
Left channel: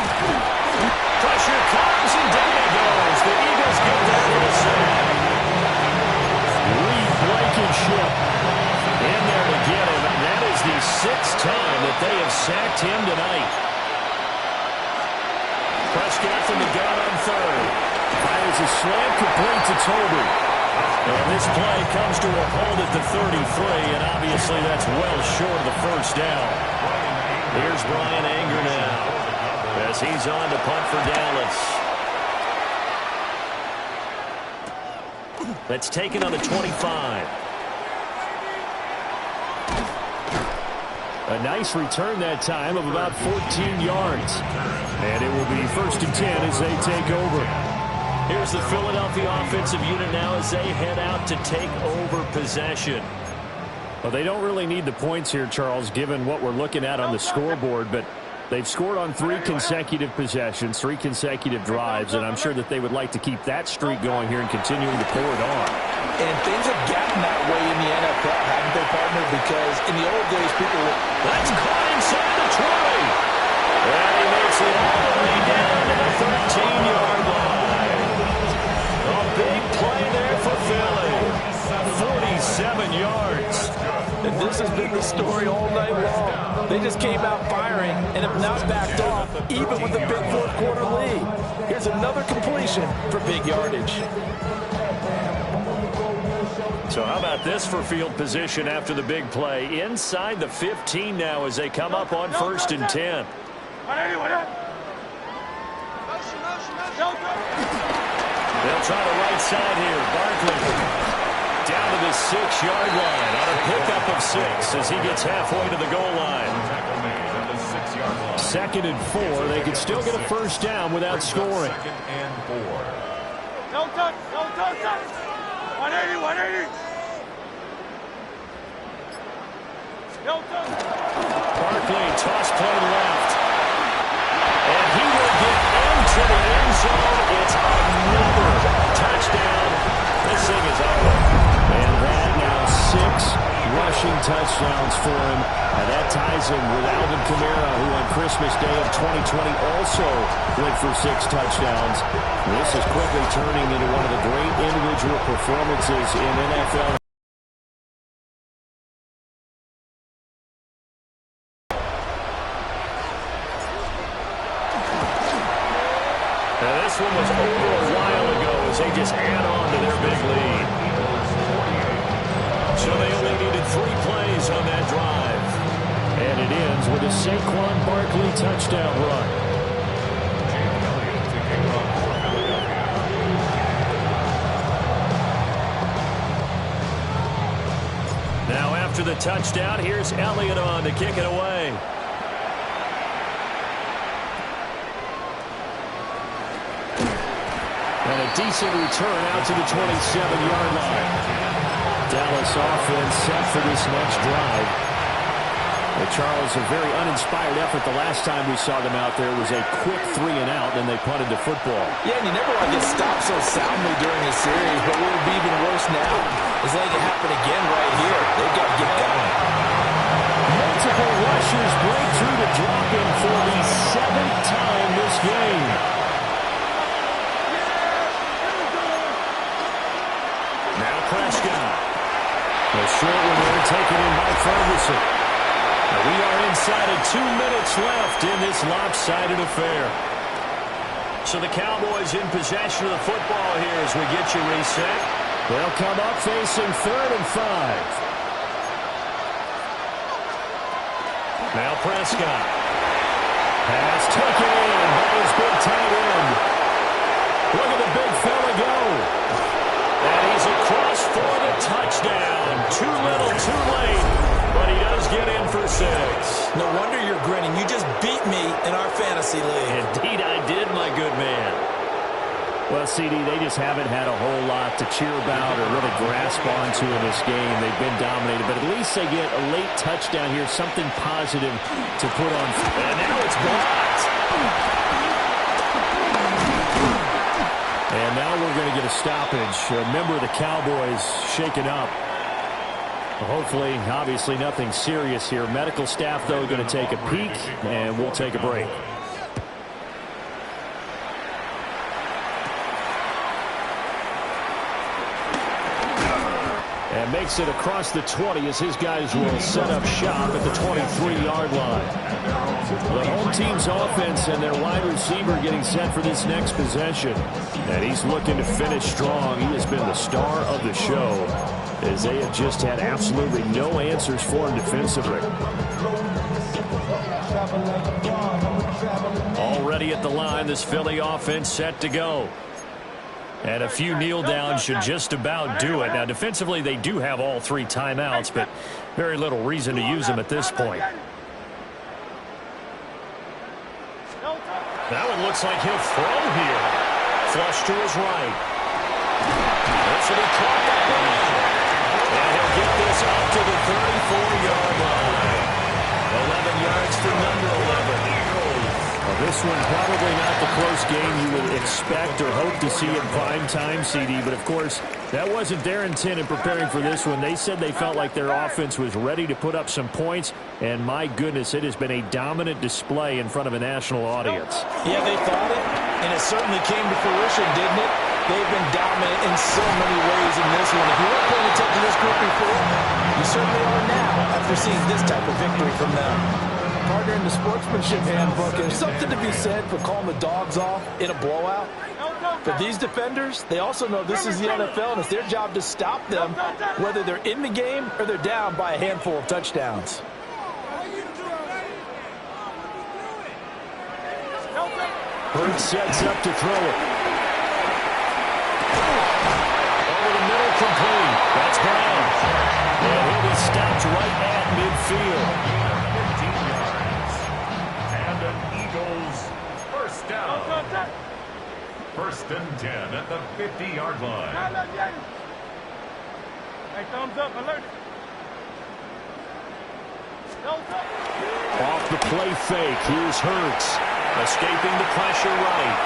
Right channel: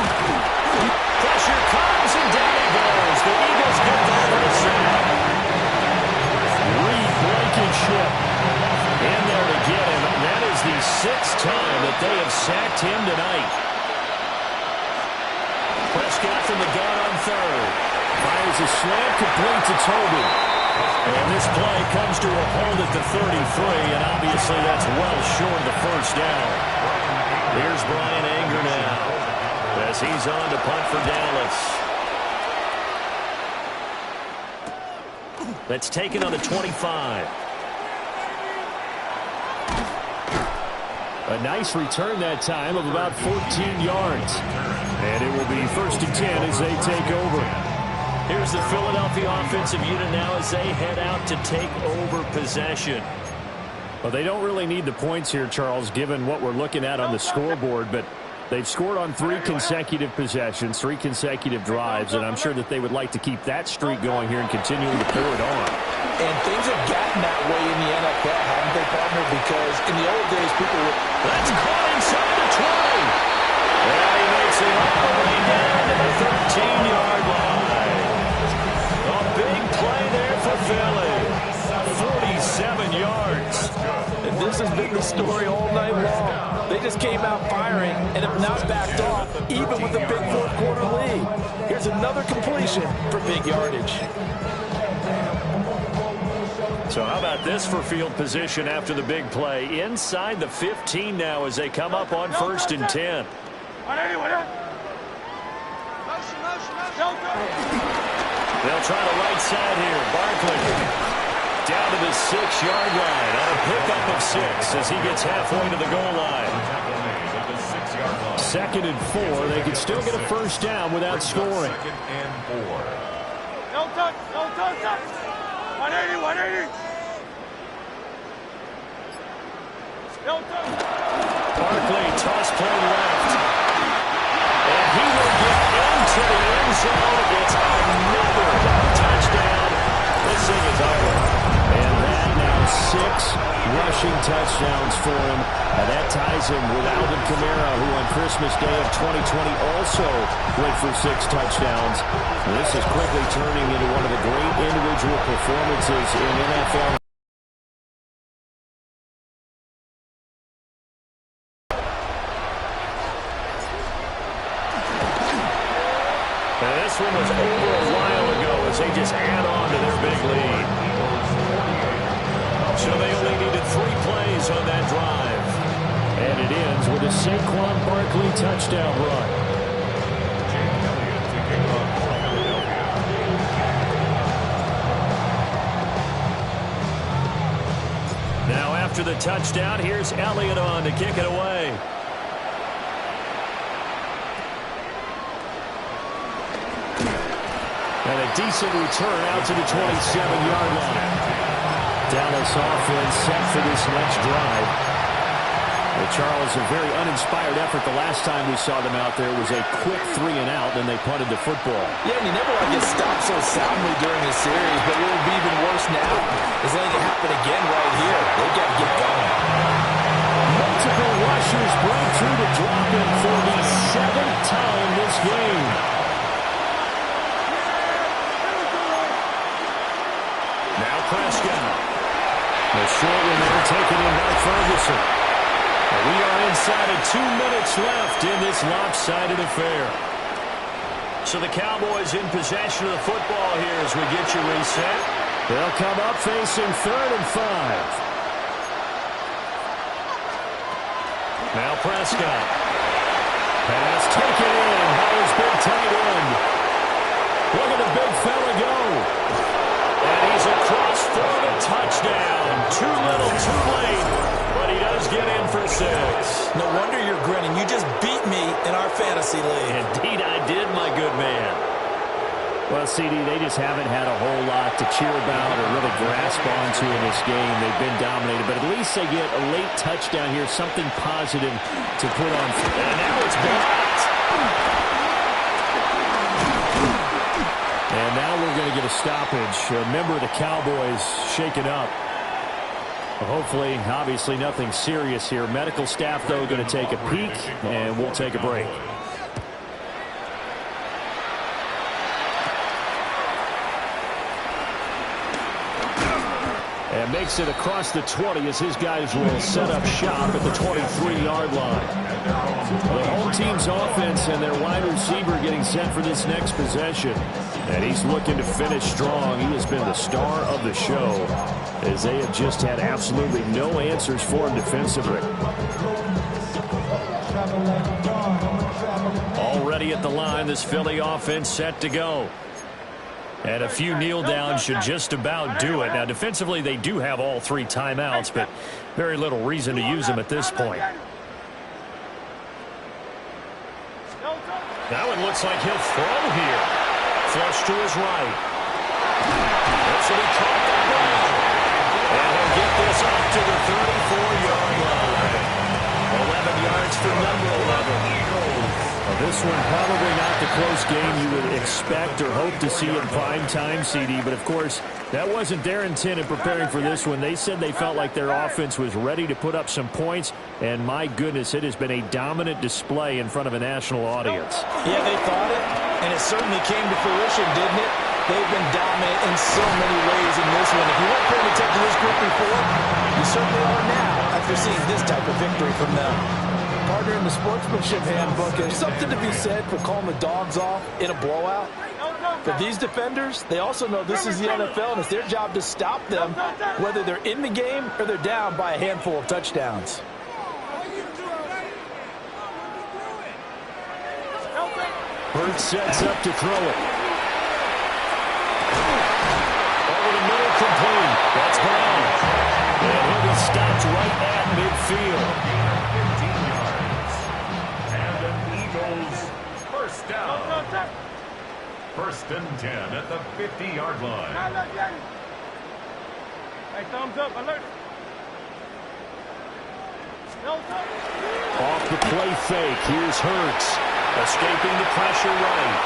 Pressure comes and down he goes. The Eagles get there for the sack. Reed Blankenship in there to get him. That is the 6th time that they have sacked him tonight. Prescott from the gun on 3rd. Fires a slant complete to Toby. And this play comes to a hold at the 33, and obviously that's well short of the 1st down. Here's Brian Anger now as he's on to punt for Dallas. That's taken on the 25. A nice return that time of about 14 yards. And it will be 1st and 10 as they take over. Here's the Philadelphia offensive unit now as they head out to take over possession. Well, they don't really need the points here, Charles, given what we're looking at on the scoreboard, but they've scored on 3 consecutive possessions, 3 consecutive drives, and I'm sure that they would like to keep that streak going here and continuing to pour it on. And things have gotten that way in the NFL, haven't they, partner? Because in the old days, people were... That's caught inside the 20. And he makes it all the way down to the 13-yard line. A big play there for Philly. 47 yards. And this has been the story all night long. They just came out firing and have not backed off, even with a big fourth-quarter lead. Here's another completion for big yardage. So how about this for field position after the big play? Inside the 15 now as they come up on 1st and 10. They'll try the right side here. Barkley down to the 6-yard line on a pickup of 6 as he gets halfway to the goal line. Tackle made at the 6-yard line. 2nd and 4. They can still get a first down without scoring. 2nd and 4. No touch, no touch, touch. 180, 180. No touch. Barkley, toss play left. And he will get into the end zone. It's another touchdown. This thing is ugly. And that now 6 rushing touchdowns for him. And that ties him with Alvin Kamara, who on Christmas Day of 2020 also went for 6 touchdowns. And this is quickly turning into one of the great individual performances in NFL. Now this one was over a while ago as they just add on to their big lead. So they only needed 3 plays on that drive. And it ends with a Saquon Barkley touchdown run. Now after the touchdown, here's Elliott on to kick it away. And a decent return out to the 27-yard line. Dallas offense set for this next drive. Charles, a very uninspired effort. The last time we saw them out there was a quick 3-and-out, then they punted the football. Yeah, and you never want to get stopped so soundly during a series, but what would be even worse now is letting it happen again right here. They've got to get going. Multiple rushers break through to drop him for the 7th time this game. Now Prescott. The short one there taken in by Ferguson. And we are inside of 2 minutes left in this lopsided affair. So the Cowboys in possession of the football here as we get you reset. They'll come up facing 3rd and 5. Now Prescott. Pass taken in by his big tight end. Look at the big fella go. And he's across for the touchdown. Too little, too late. But he does get in for 6. No wonder you're grinning. You just beat me in our fantasy league. Indeed I did, my good man. Well, CD, they just haven't had a whole lot to cheer about or really grasp onto in this game. They've been dominated, but at least they get a late touchdown here, something positive to put on. And now it's blocked. And now we're going to get a stoppage. A member of the Cowboys shaken up. Hopefully, obviously, nothing serious here. Medical staff, though, going to take a peek, and we'll take a break. And makes it across the 20 as his guys will set up shop at the 23-yard line. The home team's offense and their wide receiver getting set for this next possession. And he's looking to finish strong. He has been the star of the show as they have just had absolutely no answers for him defensively. Already at the line, this Philly offense set to go. And a few kneel downs should just about do it. Now, defensively, they do have all 3 timeouts, but very little reason to use them at this point. That one looks like he'll throw here. Flush to his right. This will be caught that way. And he'll get this up to the 34-yard line. 11 yards for number 11. Well, this one probably not the close game you would expect or hope to see in prime time, CD. But, of course, that wasn't their intent in preparing for this one. They said they felt like their offense was ready to put up some points. And, my goodness, it has been a dominant display in front of a national audience. Yeah, they thought it, and it certainly came to fruition, didn't it? They've been dominant in so many ways in this one. If you weren't paying attention to this group before, you certainly are now after seeing this type of victory from them. Partner, in the sportsmanship handbook, there's something to be said for calling the dogs off in a blowout. For these defenders, they also know this is the NFL, and it's their job to stop them, whether they're in the game or they're down by a handful of touchdowns. Hurts sets up to throw it. Over the middle, complete. That's Brown. And he'll be stopped right at midfield. Gain of 15 yards. And an Eagles first down. First and 10 at the 50-yard line. Hey, thumbs up, alert. Off the play fake. Here's Hurts. Escaping the pressure right.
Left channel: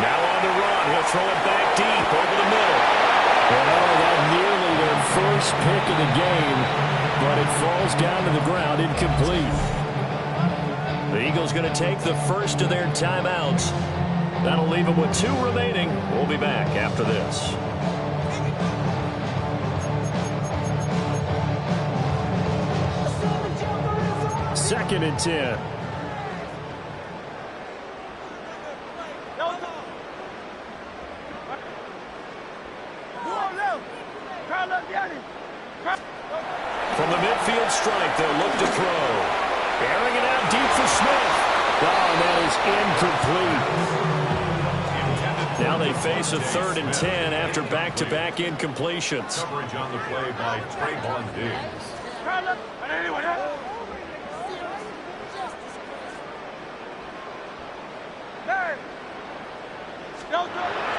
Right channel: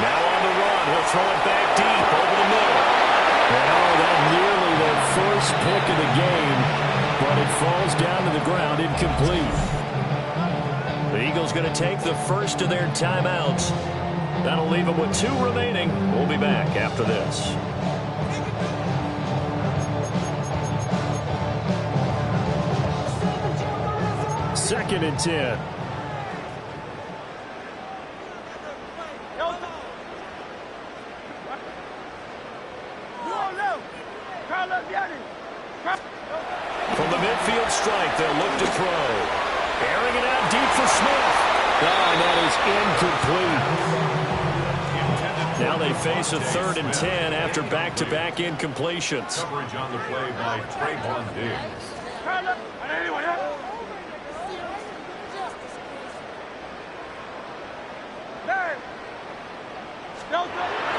Now on the run. He'll throw it back deep over the middle. And that nearly their first pick of the game, but it falls down to the ground incomplete. The Eagles going to take the first of their timeouts. That'll leave them with 2 remaining. We'll be back after this. Second and 10. From the midfield stripe, they'll look to throw. Airing it out deep for Smith. Oh, that is incomplete. Now they face a 3rd and 10 after back-to-back incompletions. Coverage on the play by Trayvon Diggs.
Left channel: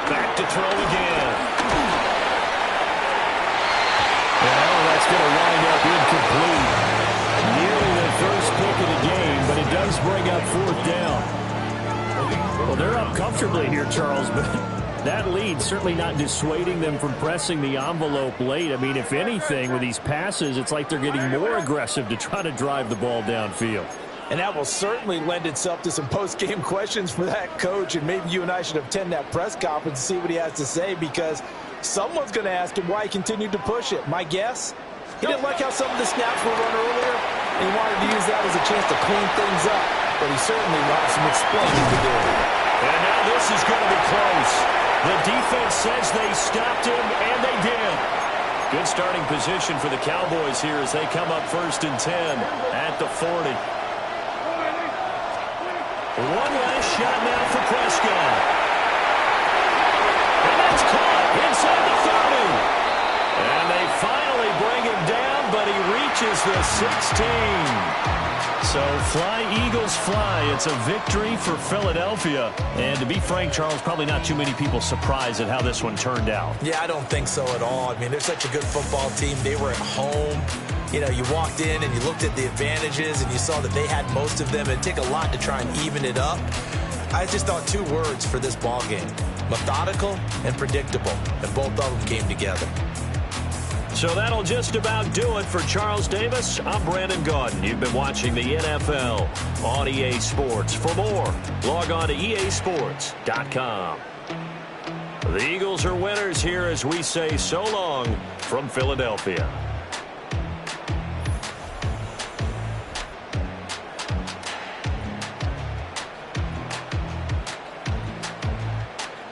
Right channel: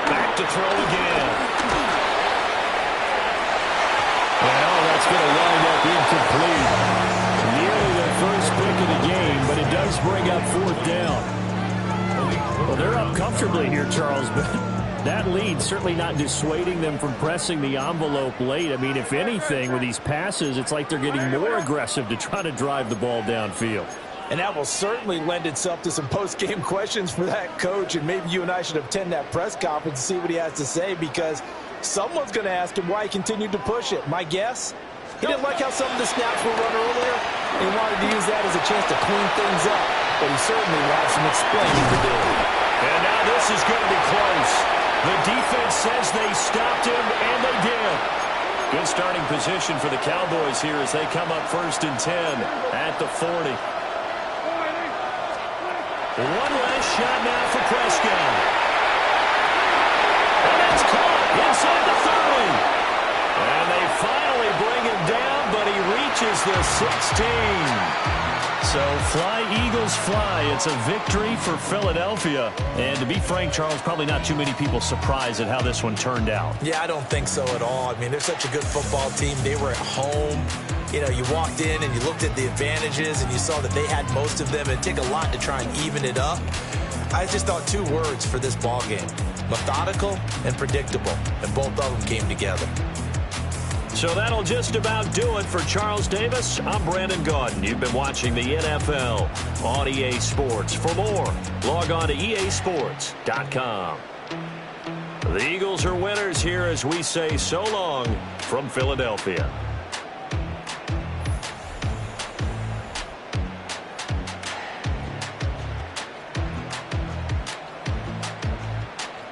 Back to throw again. Well, that's going to wind up incomplete. Nearly the first pick of the game, but it does bring up 4th down. Well, they're up comfortably here, Charles, but that lead certainly not dissuading them from pressing the envelope late. I mean, if anything, with these passes, it's like they're getting more aggressive to try to drive the ball downfield. And that will certainly lend itself to some post-game questions for that coach, and maybe you and I should attend that press conference and see what he has to say, because someone's going to ask him why he continued to push it. My guess, he didn't like how some of the snaps were run earlier, and he wanted to use that as a chance to clean things up, but he certainly will have some explaining to do. And now this is going to be close. The defense says they stopped him, and they did. Good starting position for the Cowboys here as they come up 1st and 10 at the 40. One last shot now for Prescott. And that's caught inside the 30. And they finally bring him down, but he reaches the 16. So fly, Eagles, fly. It's a victory for Philadelphia. And to be frank, Charles, probably not too many people surprised at how this one turned out. Yeah, I don't think so at all. I mean, they're such a good football team. They were at home. You know, you walked in and you looked at the advantages and you saw that they had most of them. It'd take a lot to try and even it up. I just thought 2 words for this ball game: methodical and predictable. And both of them came together. So that'll just about do it for Charles Davis. I'm Brandon Gaudin. You've been watching the NFL on EA Sports. For more, log on to easports.com. The Eagles are winners here as we say so long from Philadelphia.